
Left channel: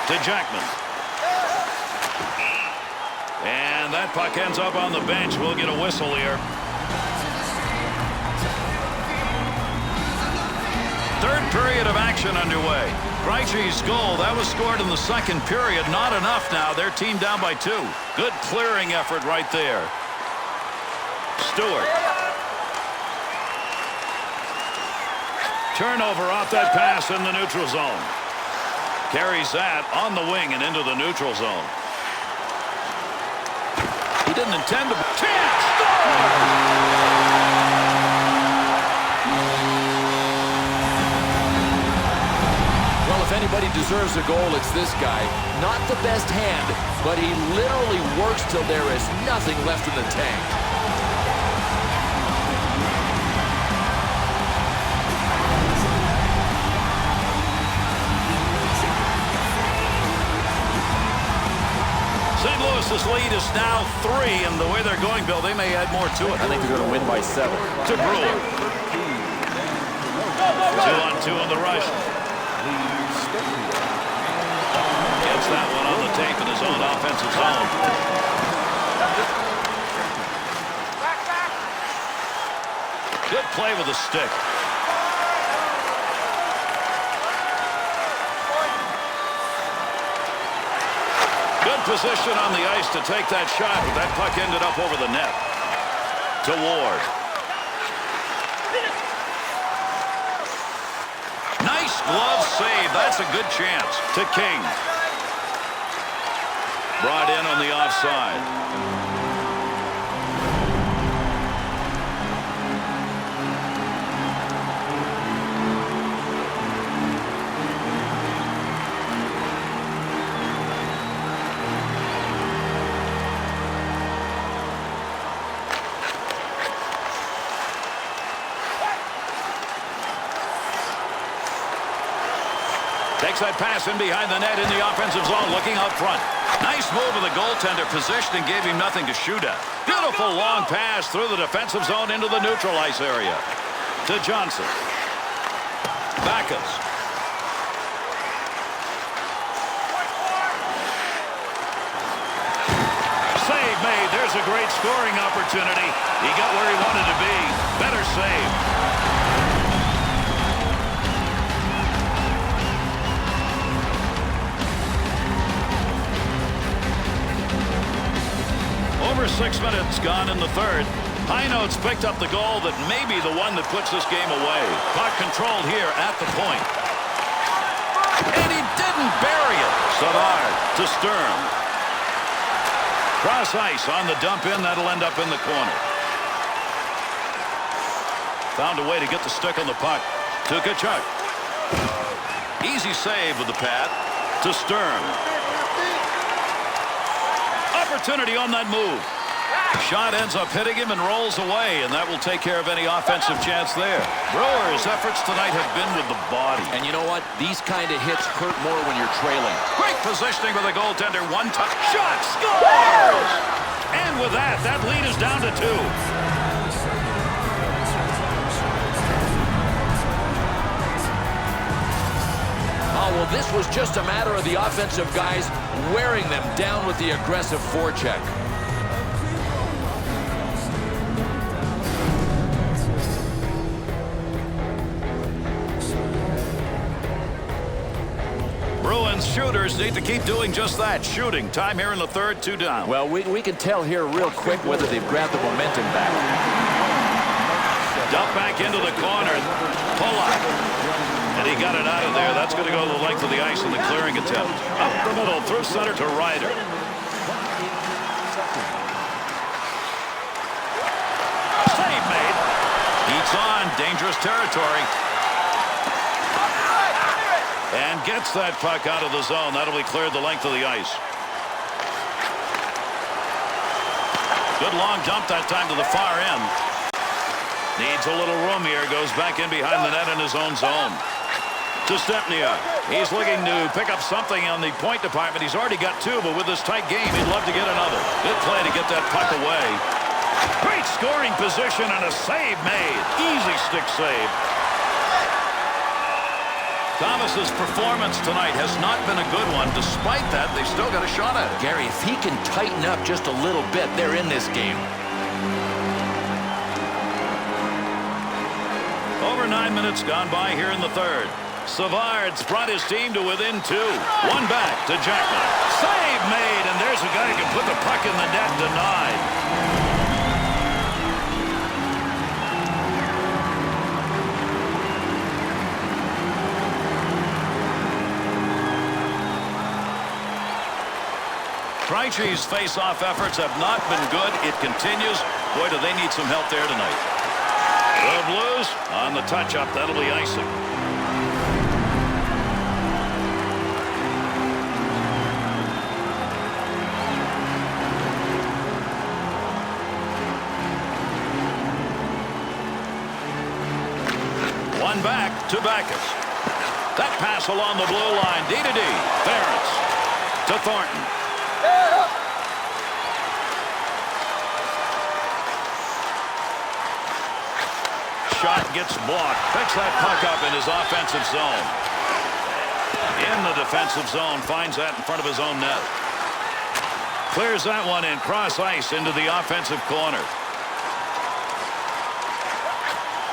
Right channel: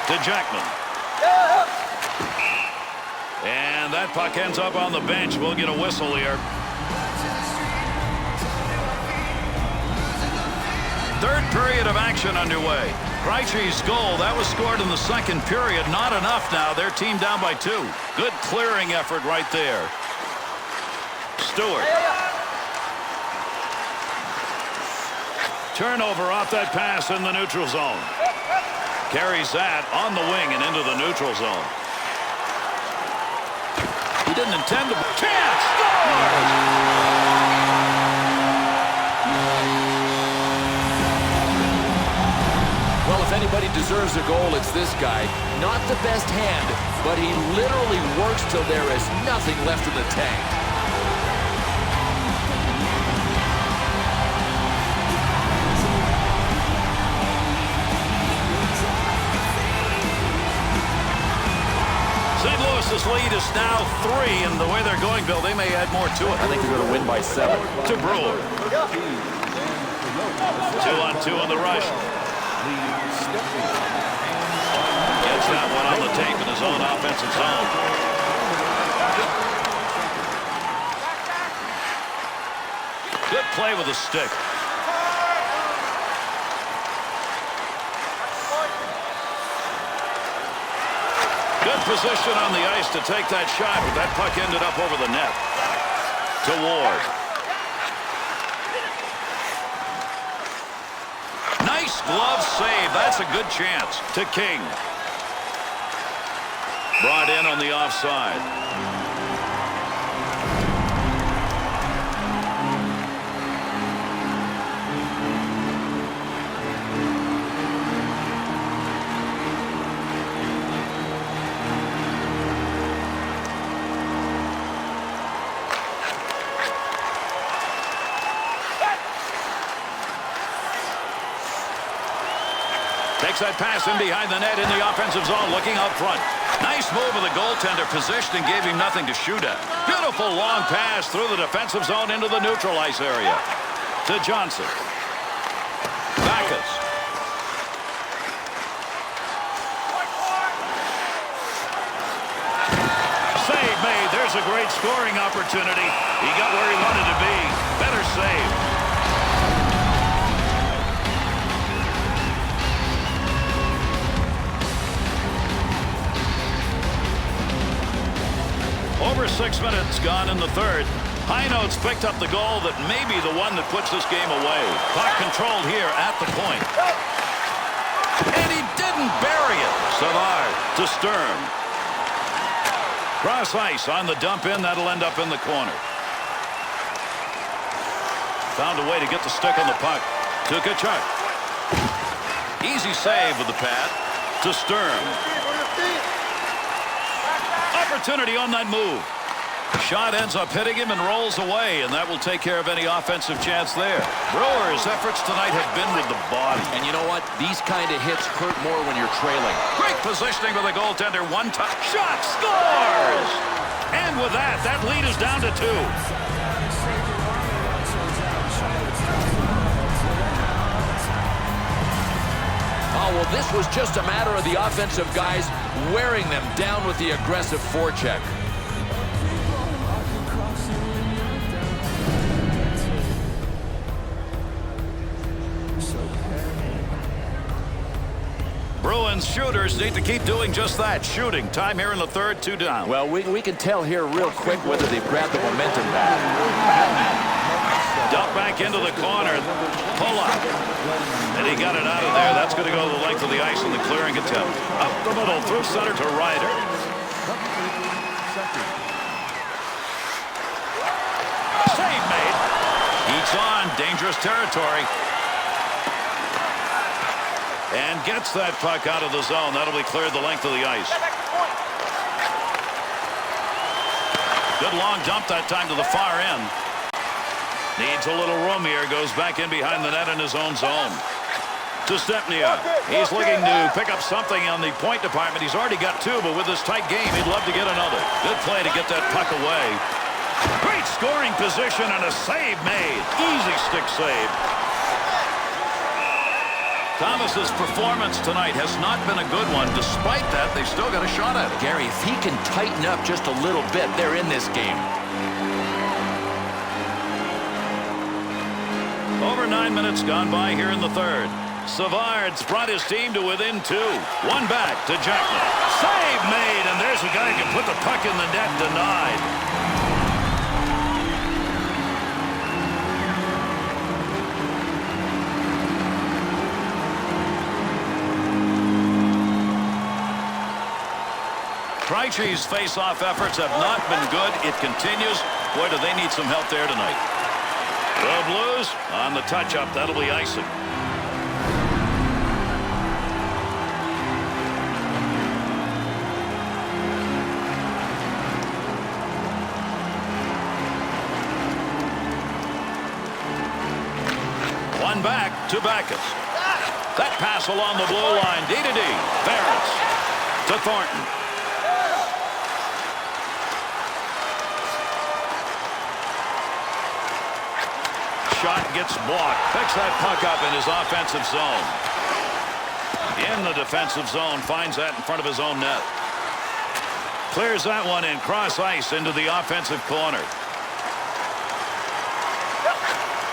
To Jackman. And that puck ends up on the bench. We'll get a whistle here. Third period of action underway. Krejci's goal, that was scored in the second period. Not enough now. Their team down by 2. Good clearing effort right there. Stewart. Turnover off that pass in the neutral zone. Carries that on the wing and into the neutral zone. He didn't intend to. Chance! Scores! Well, if anybody deserves a goal, it's this guy. Not the best hand, but he literally works till there is nothing left in the tank. St. Louis's lead is now 3, and the way they're going, Bill, they may add more to it. I think they're going to win by 7. To Brewer. 2-on-2 on the rush. Gets that one on the tape in his own offensive zone. Good play with the stick. Good position on the ice to take that shot, but that puck ended up over the net. To Ward. Nice glove save. That's a good chance. To King. Brought in on the offside. Takes that pass in behind the net in the offensive zone, looking up front. Nice move of the goaltender, positioning, gave him nothing to shoot at. Beautiful long pass through the defensive zone into the neutral ice area. To Johnson. Backus. Save made. There's a great scoring opportunity. He got where he wanted to be. Better save. Over 6 minutes gone in the third. High Notes picked up the goal that may be the one that puts this game away. Puck controlled here at the point. And he didn't bury it. Savard to Sturm. Cross ice on the dump in. That'll end up in the corner. Found a way to get the stick on the puck. To Tkachuk. Easy save with the pad. To Sturm. Opportunity on that move. Shot ends up hitting him and rolls away, and that will take care of any offensive chance there. Brewers' efforts tonight have been with the body. And you know what? These kind of hits hurt more when you're trailing. Great positioning with the goaltender. One touch. Shot scores! And with that, that lead is down to 2. Oh, well, this was just a matter of the offensive guys wearing them down with the aggressive forecheck. Bruins shooters need to keep doing just that, shooting. Time here in the third, 2 down. Well, we can tell here real quick whether they've grabbed the momentum back. Dump back into the corner. Pull up. And he got it out of there. That's going to go the length of the ice in the clearing attempt. Up the middle, through center to Ryder. Save made. Heats on. Dangerous territory. And gets that puck out of the zone. That'll be cleared the length of the ice. Good long dump that time to the far end. Needs a little room here. Goes back in behind the net in his own zone. To Stepniak. He's looking to pick up something on the point department. He's already got 2, but with this tight game, he'd love to get another. Good play to get that puck away. Great scoring position and a save made. Easy stick save. Thomas's performance tonight has not been a good one. Despite that, they've still got a shot at it. Gary, if he can tighten up just a little bit, they're in this game. Over 9 minutes gone by here in the third. Savard's brought his team to within 2. One back to Jackman. Save made, and there's a guy who can put the puck in the net. Denied. Krejci's face-off efforts have not been good. It continues. Boy, do they need some help there tonight. The Blues on the touch-up. That'll be icing. One back to Backus. That pass along the blue line. D-to-D. Ferris to Thornton. Shot gets blocked. Picks that puck up in his offensive zone. In the defensive zone. Finds that in front of his own net. Clears that one in cross ice into the offensive corner.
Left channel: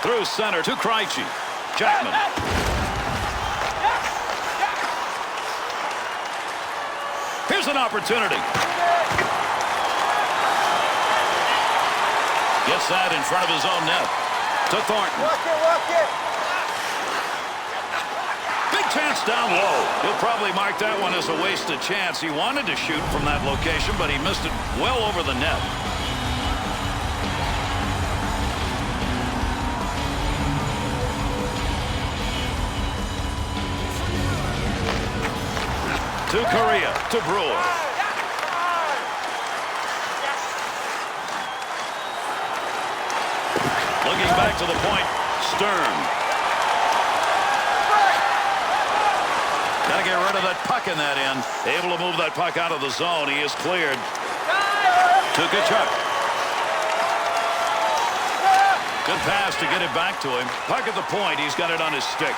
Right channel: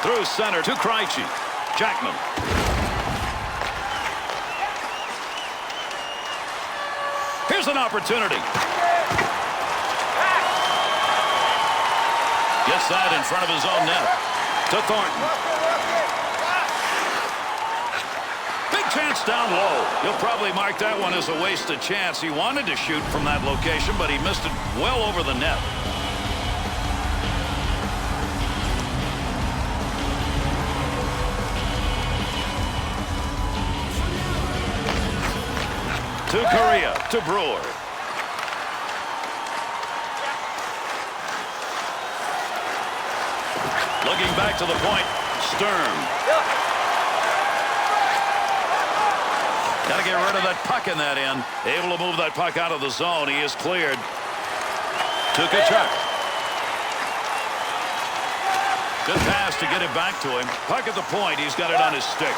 Through center to Krejci. Jackman. Here's an opportunity. Gets that in front of his own net. To Thornton. Big chance down low. He'll probably mark that one as a wasted chance. He wanted to shoot from that location, but he missed it well over the net. To Correa. To Brewer. Looking back to the point, Sturm. Got to get rid of that puck in that end. Able to move that puck out of the zone. He is cleared. To Tkachuk. Good pass to get it back to him. Puck at the point. He's got it on his stick.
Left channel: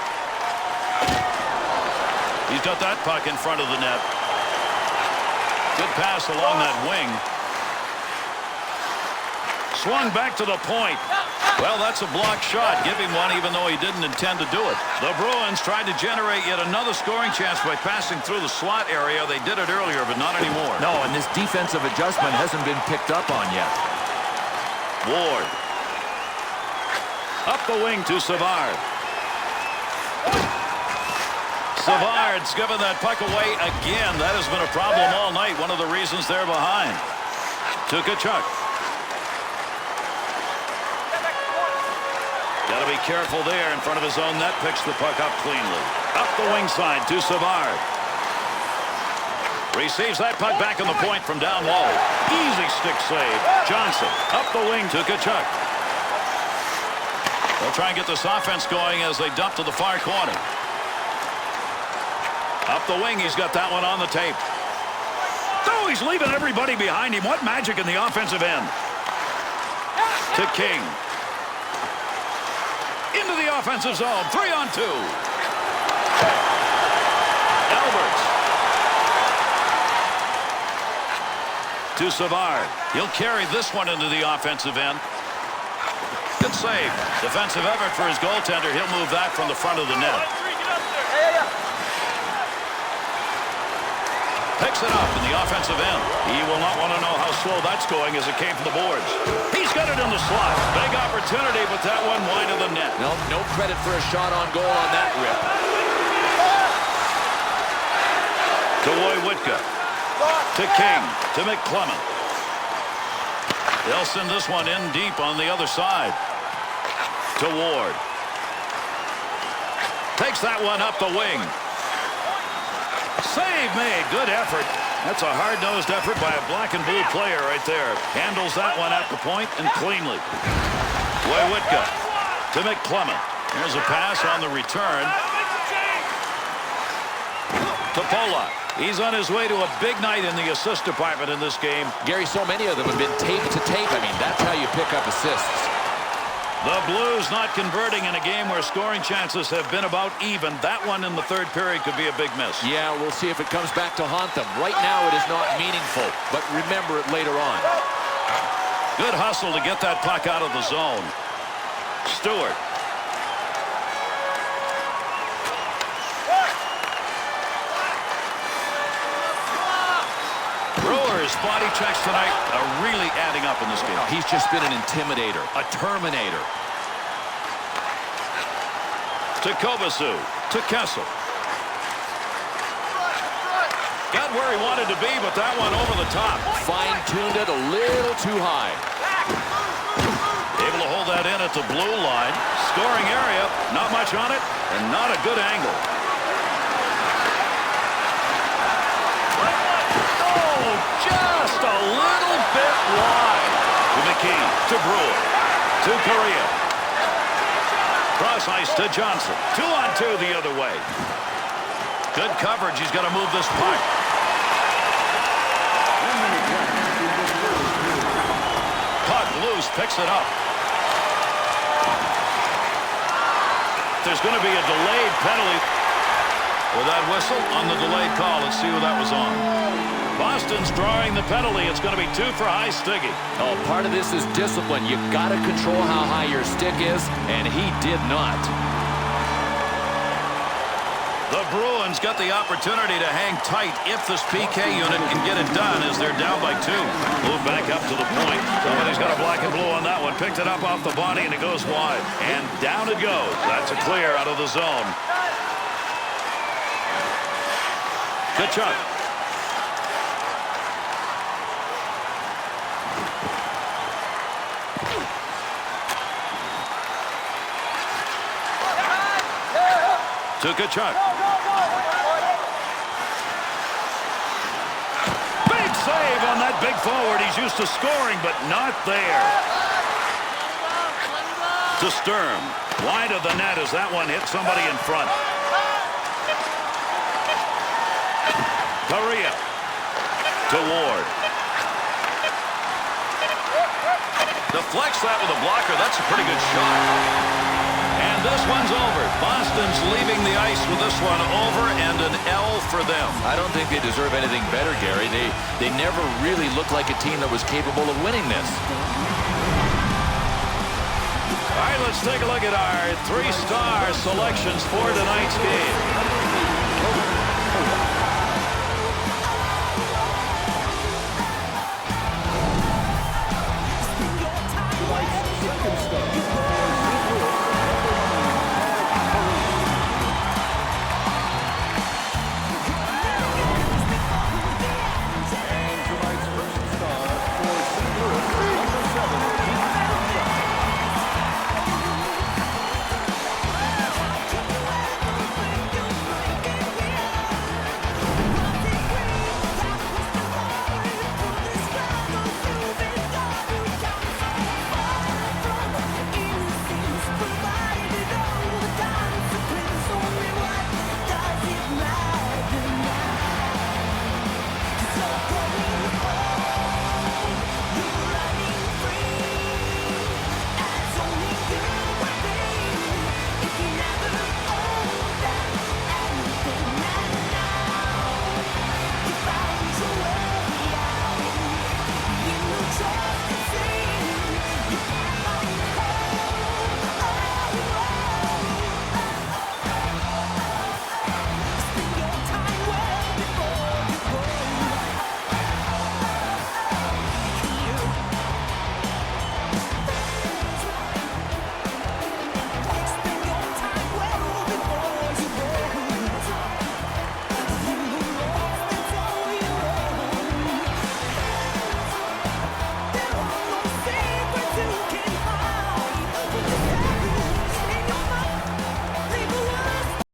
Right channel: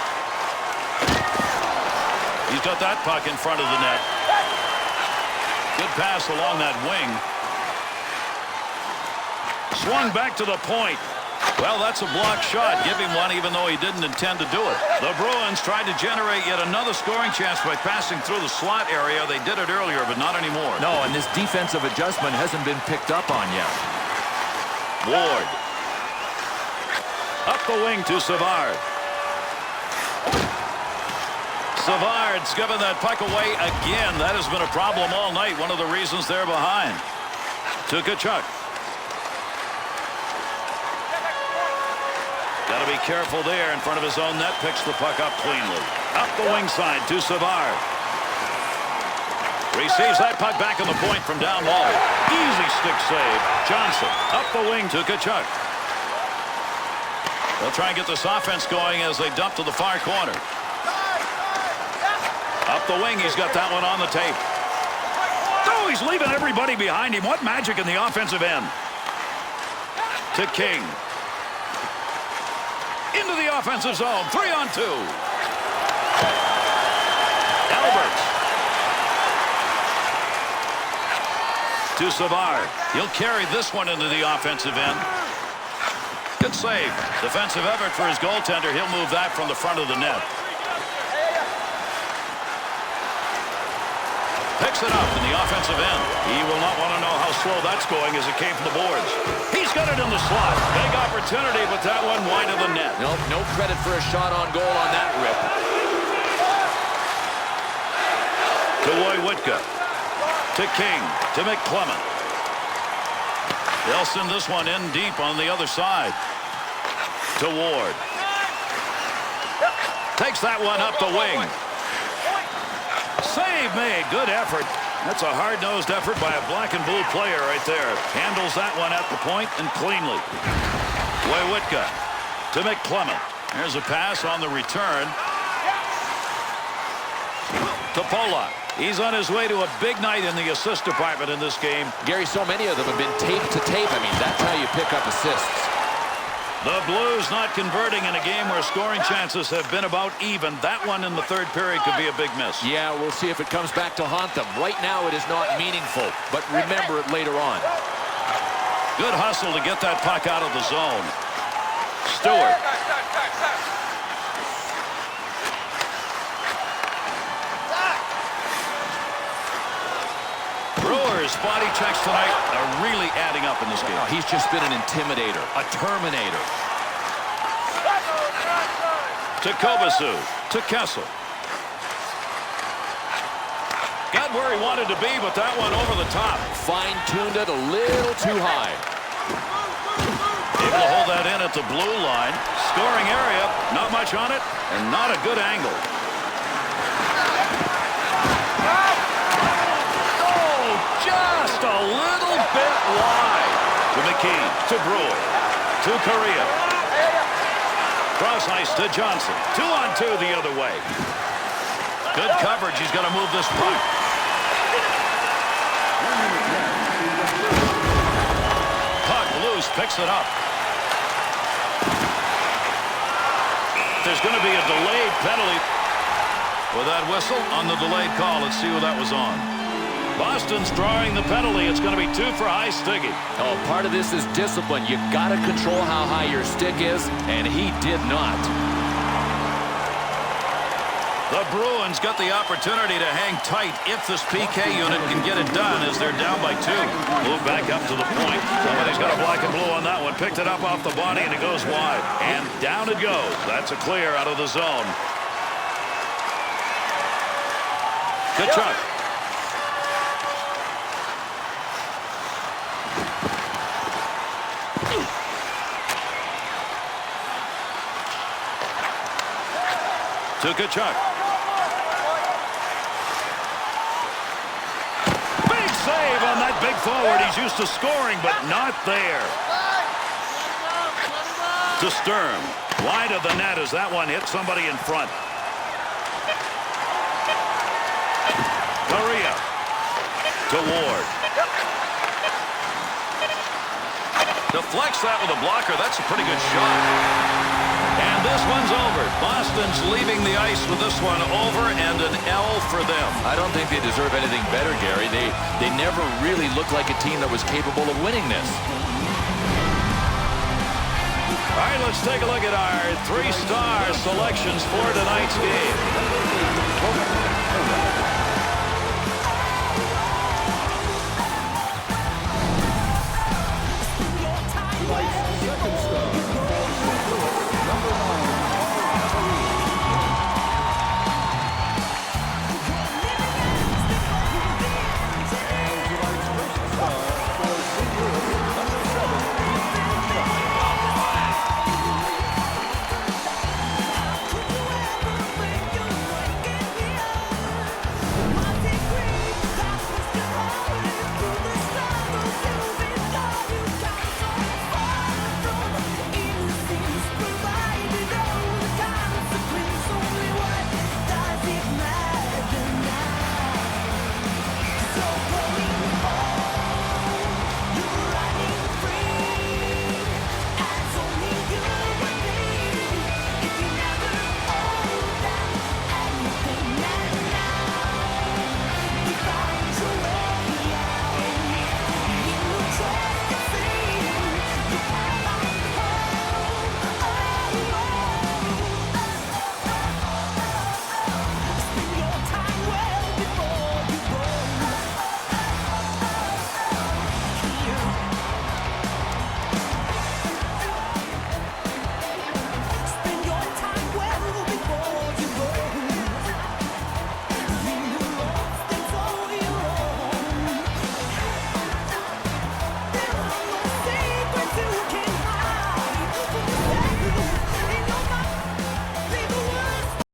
He's got that puck in front of the net. Good pass along that wing. Swung back to the point. Well, that's a blocked shot. Give him one even though he didn't intend to do it. The Bruins tried to generate yet another scoring chance by passing through the slot area. They did it earlier, but not anymore. No, and this defensive adjustment hasn't been picked up on yet. Ward. Up the wing to Savard. Savard's given that puck away again. That has been a problem all night. One of the reasons they're behind. To Tkachuk. Got to be careful there in front of his own net. Picks the puck up cleanly. Up the wing side to Savard. Receives that puck back in the point from down low. Easy stick save. Johnson up the wing to Tkachuk. They'll try and get this offense going as they dump to the far corner. Up the wing. He's got that one on the tape. Oh, he's leaving everybody behind him. What magic in the offensive end. To King. Into the offensive zone. 3-on-2. Alberts. To Savard. He'll carry this one into the offensive end. Good save. Defensive effort for his goaltender. He'll move that from the front of the net. Picks it up in the offensive end. He will not want to know how slow that's going as it came from the boards. He's got it in the slot. Big opportunity, but that one wide of the net. Nope, no credit for a shot on goal on that rip. To Woywitka. To King. To McClement. They'll send this one in deep on the other side. To Ward. Takes that one up the wing. Save made. Good effort. That's a hard-nosed effort by a black and blue player right there. Handles that one at the point and cleanly. Woywitka to McClement. There's a pass on the return. To Polak. He's on his way to a big night in the assist department in this game. Gary, so many of them have been tape to tape. I mean, that's how you pick up assists. The Blues not converting in a game where scoring chances have been about even. That one in the third period could be a big miss. Yeah, we'll see if it comes back to haunt them. Right now it is not meaningful, but remember it later on. Good hustle to get that puck out of the zone. Stewart. Brewers body checks tonight are really adding up in this game. Oh, he's just been an intimidator, a terminator. To Kovacic, to Kessel. Got where he wanted to be, but that one over the top. Fine-tuned it a little too high. Able to hold that in at the blue line. Scoring area, not much on it, and not a good angle. Just a little bit wide. To McKee. To Brewer. To Correa. Cross ice to Johnson. 2-on-2 the other way. Good coverage. He's got to move this puck. 1 minute left in the first period. Puck loose. Picks it up. There's going to be a delayed penalty. With that whistle on the delayed call. Let's see who that was on. Boston's drawing the penalty. It's going to be 2 for high sticking. Oh, part of this is discipline. You got to control how high your stick is, and he did not. The Bruins got the opportunity to hang tight if this PK unit can get it done as they're down by 2. Move back up to the point. Somebody's got a black and blue on that one. Picked it up off the body, and it goes wide. And down it goes. That's a clear out of the zone. Kachuk. To Kachuk. Big save on that big forward. He's used to scoring, but not there. To Sturm. Wide of the net as that one hit somebody in front. Correa. To Ward. Deflects that with a blocker. That's a pretty good shot. And this one's over. Boston's leaving the ice with this one over and an L for them. I don't think they deserve anything better, Gary. They never really looked like a team that was capable of winning this. All right, let's take a look at our 3-star selections for tonight's game.